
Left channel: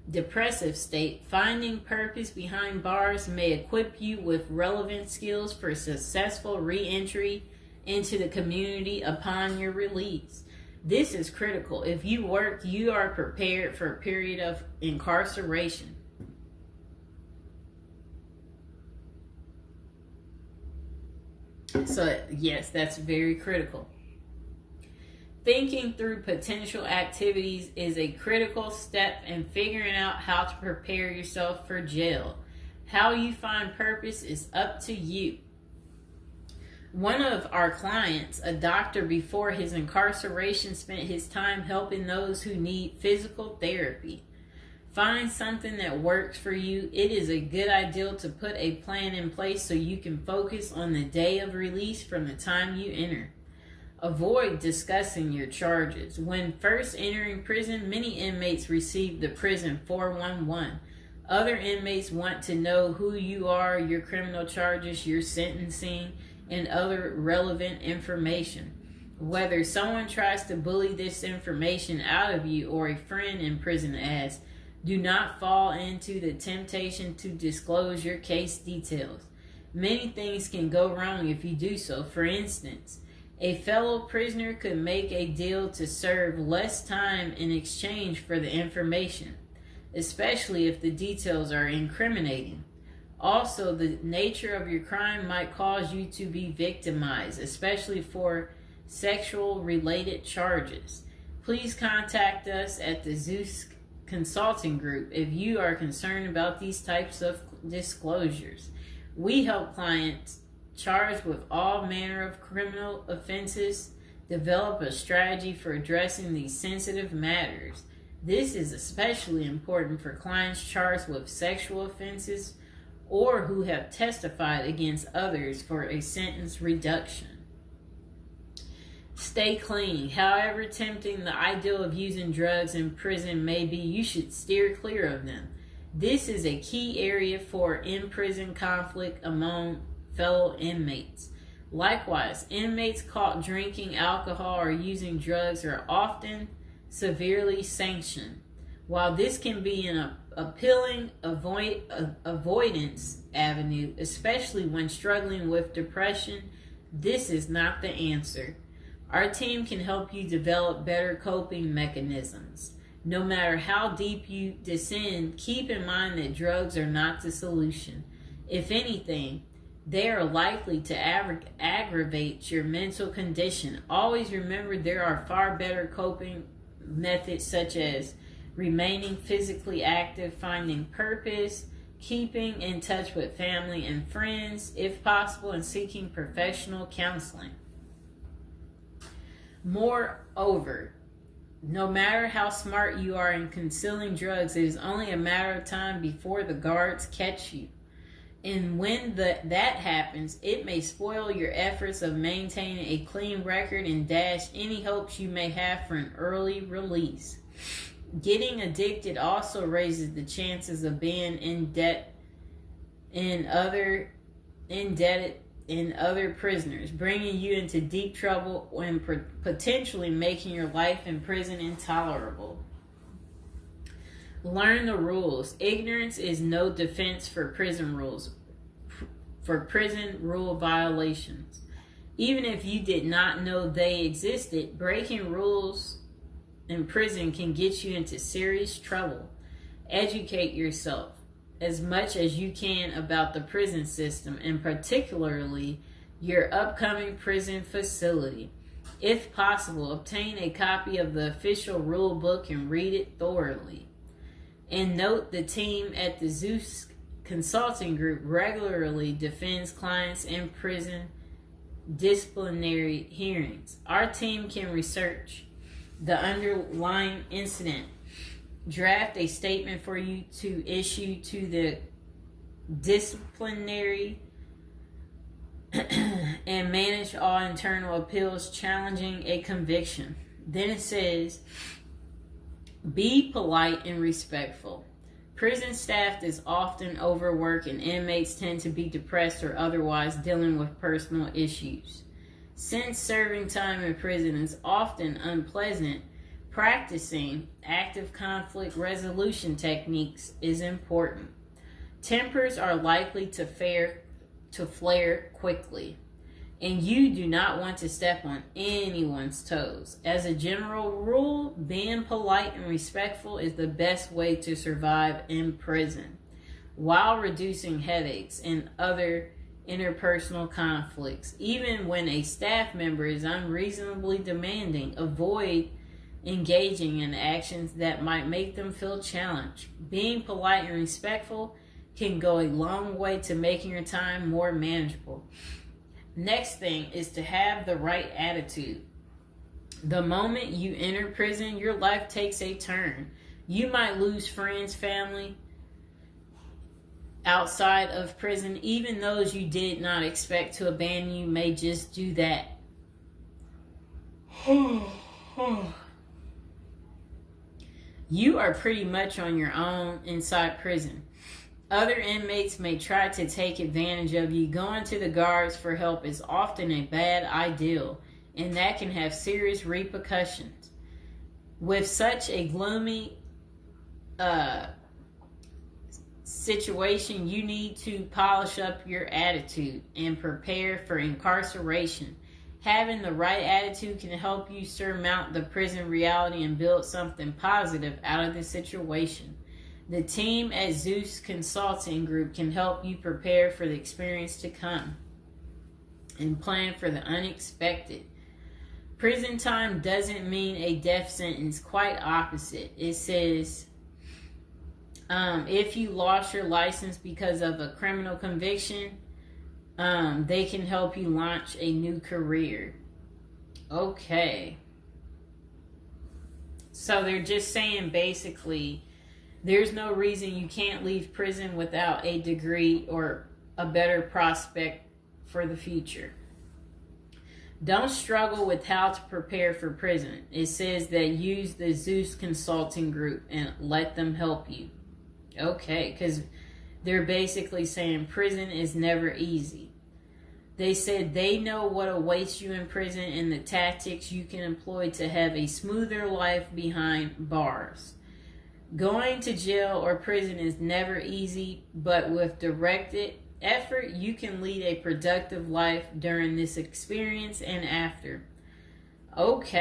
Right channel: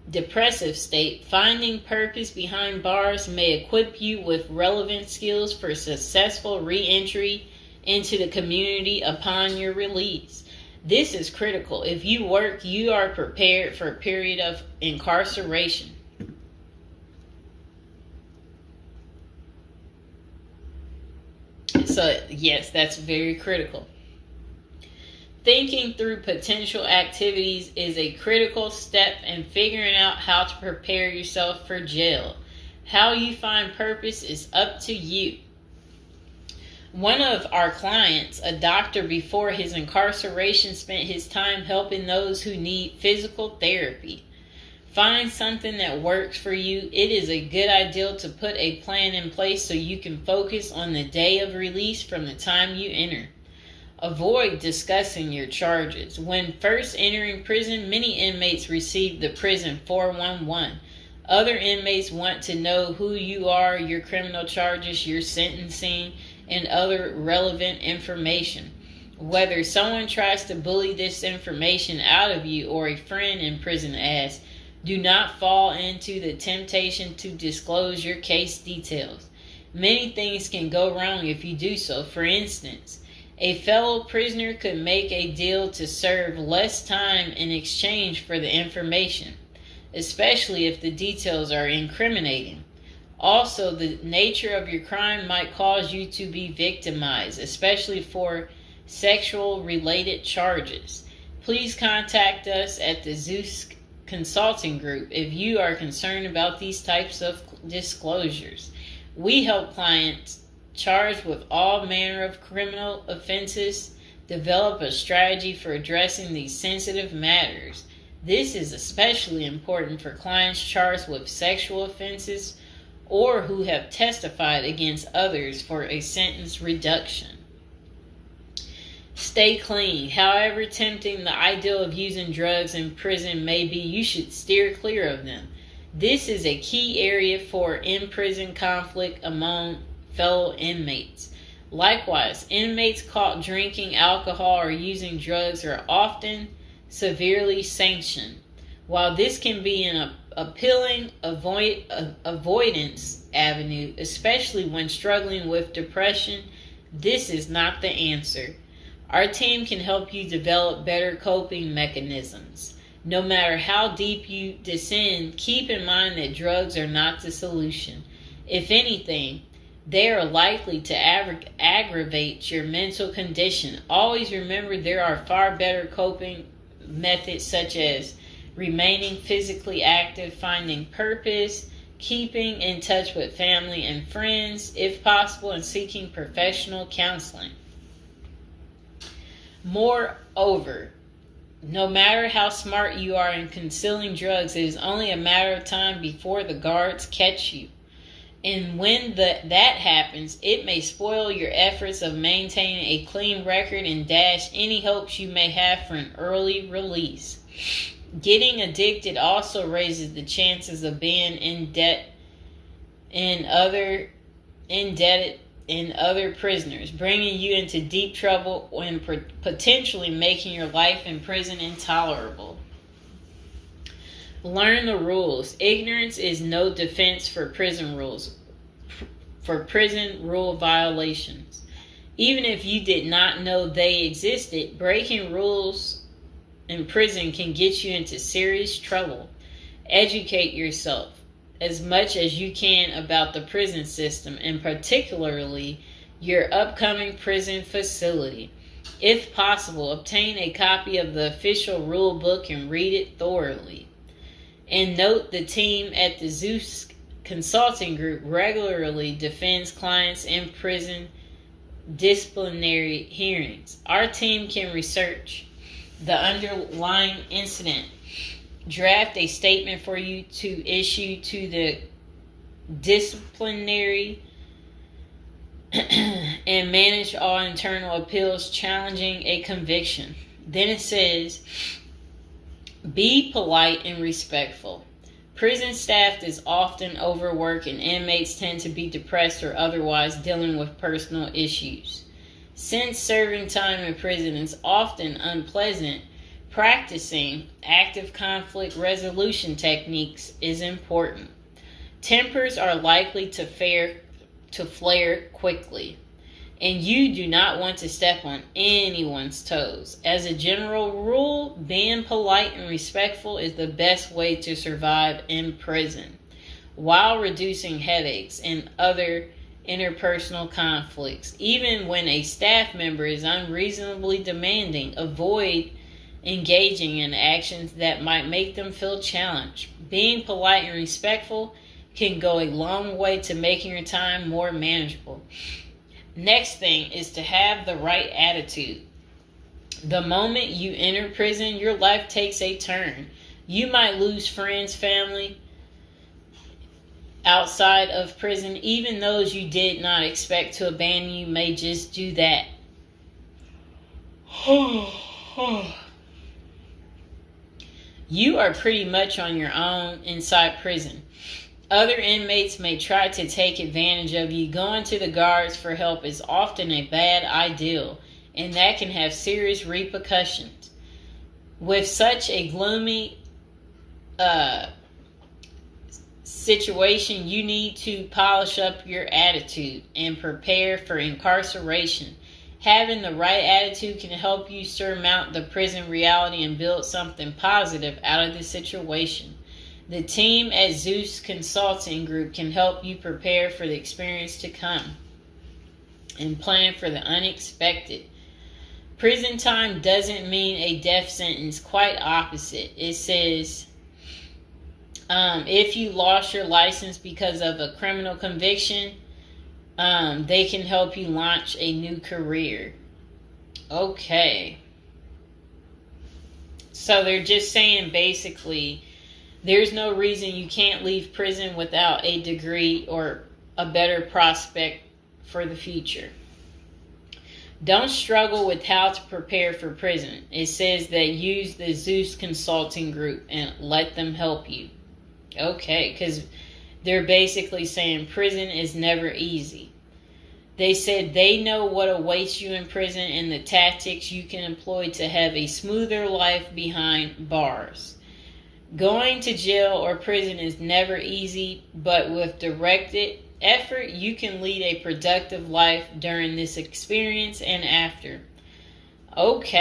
depressive state, finding purpose behind bars may equip you with relevant skills for successful re-entry into the community upon your release. This is critical. If you work, you are prepared for a period of incarceration. So, yes, that's very critical. Thinking through potential activities is a critical step in figuring out how to prepare yourself for jail. How you find purpose is up to you. One of our clients, a doctor before his incarceration, spent his time helping those who need physical therapy. Find something that works for you. It is a good idea to put a plan in place so you can focus on the day of release from the time you enter. Avoid discussing your charges. When first entering prison, many inmates receive the prison 411. Other inmates want to know who you are, your criminal charges, your sentencing, and other relevant information. Whether someone tries to bully this information out of you or a friend in prison asks, do not fall into the temptation to disclose your case details. Many things can go wrong if you do so. For instance, a fellow prisoner could make a deal to serve less time in exchange for the information, especially if the details are incriminating. Also, the nature of your crime might cause you to be victimized, especially for sexual-related charges. Please contact us at the Zeus Consulting Group if you are concerned about these types of disclosures. We help clients charged with all manner of criminal offenses develop a strategy for addressing these sensitive matters. This is especially important for clients charged with sexual offenses or who have testified against others for a sentence reduction. Stay clean. However tempting the ideal of using drugs in prison may be, you should steer clear of them. This is a key area for in-prison conflict among fellow inmates. Likewise, inmates caught drinking alcohol or using drugs are often severely sanctioned. While this can be an appealing avoidance avenue, especially when struggling with depression, this is not the answer. Our team can help you develop better coping mechanisms. No matter how deep you descend, keep in mind that drugs are not the solution. If anything, they are likely to aggravate your mental condition. Always remember there are far better coping methods such as remaining physically active, finding purpose, keeping in touch with family and friends, if possible, and seeking professional counseling. Moreover, no matter how smart you are in concealing drugs, it is only a matter of time before the guards catch you. And when that happens, it may spoil your efforts of maintaining a clean record and dash any hopes you may have for an early release. Getting addicted also raises the chances of being indebted in other prisoners, bringing you into deep trouble and potentially making your life in prison intolerable. Learn the rules. Ignorance is no defense for prison rules, for prison rule violations. Even if you did not know they existed, breaking rules in prison can get you into serious trouble. Educate yourself as much as you can about the prison system, and particularly your upcoming prison facility. If possible, obtain a copy of the official rule book and read it thoroughly. And note, the team at the Zeus Consulting Group regularly defends clients in prison disciplinary hearings. Our team can research the underlying incident, draft a statement for you to issue to the disciplinary, and manage all internal appeals challenging a conviction. Then it says, be polite and respectful. Prison staff is often overworked and inmates tend to be depressed or otherwise dealing with personal issues. Since serving time in prison is often unpleasant, practicing active conflict resolution techniques is important. Tempers are likely to flare quickly, and you do not want to step on anyone's toes. As a general rule, being polite and respectful is the best way to survive in prison, while reducing headaches and other interpersonal conflicts. Even when a staff member is unreasonably demanding, avoid engaging in actions that might make them feel challenged. Being polite and respectful can go a long way to making your time more manageable. Next thing is to have the right attitude. The moment you enter prison, your life takes a turn. You might lose friends, family outside of prison. Even those you did not expect to abandon you may just do that. You are pretty much on your own inside prison. Other inmates may try to take advantage of you. Going to the guards for help is often a bad idea, and that can have serious repercussions. With such a gloomy situation, you need to polish up your attitude and prepare for incarceration. Having the right attitude can help you surmount the prison reality and build something positive out of the situation. The team at Zeus Consulting Group can help you prepare for the experience to come and plan for the unexpected. Prison time doesn't mean a death sentence, quite opposite. It says, if you lost your license because of a criminal conviction, they can help you launch a new career. Okay. So they're just saying basically, there's no reason you can't leave prison without a degree or a better prospect for the future. Don't struggle with how to prepare for prison. It says that use the Zeus Consulting Group and let them help you. Okay, because they're basically saying prison is never easy. They said they know what awaits you in prison and the tactics you can employ to have a smoother life behind bars. Going to jail or prison is never easy, but with directed effort, you can lead a productive life during this experience and after. Okay.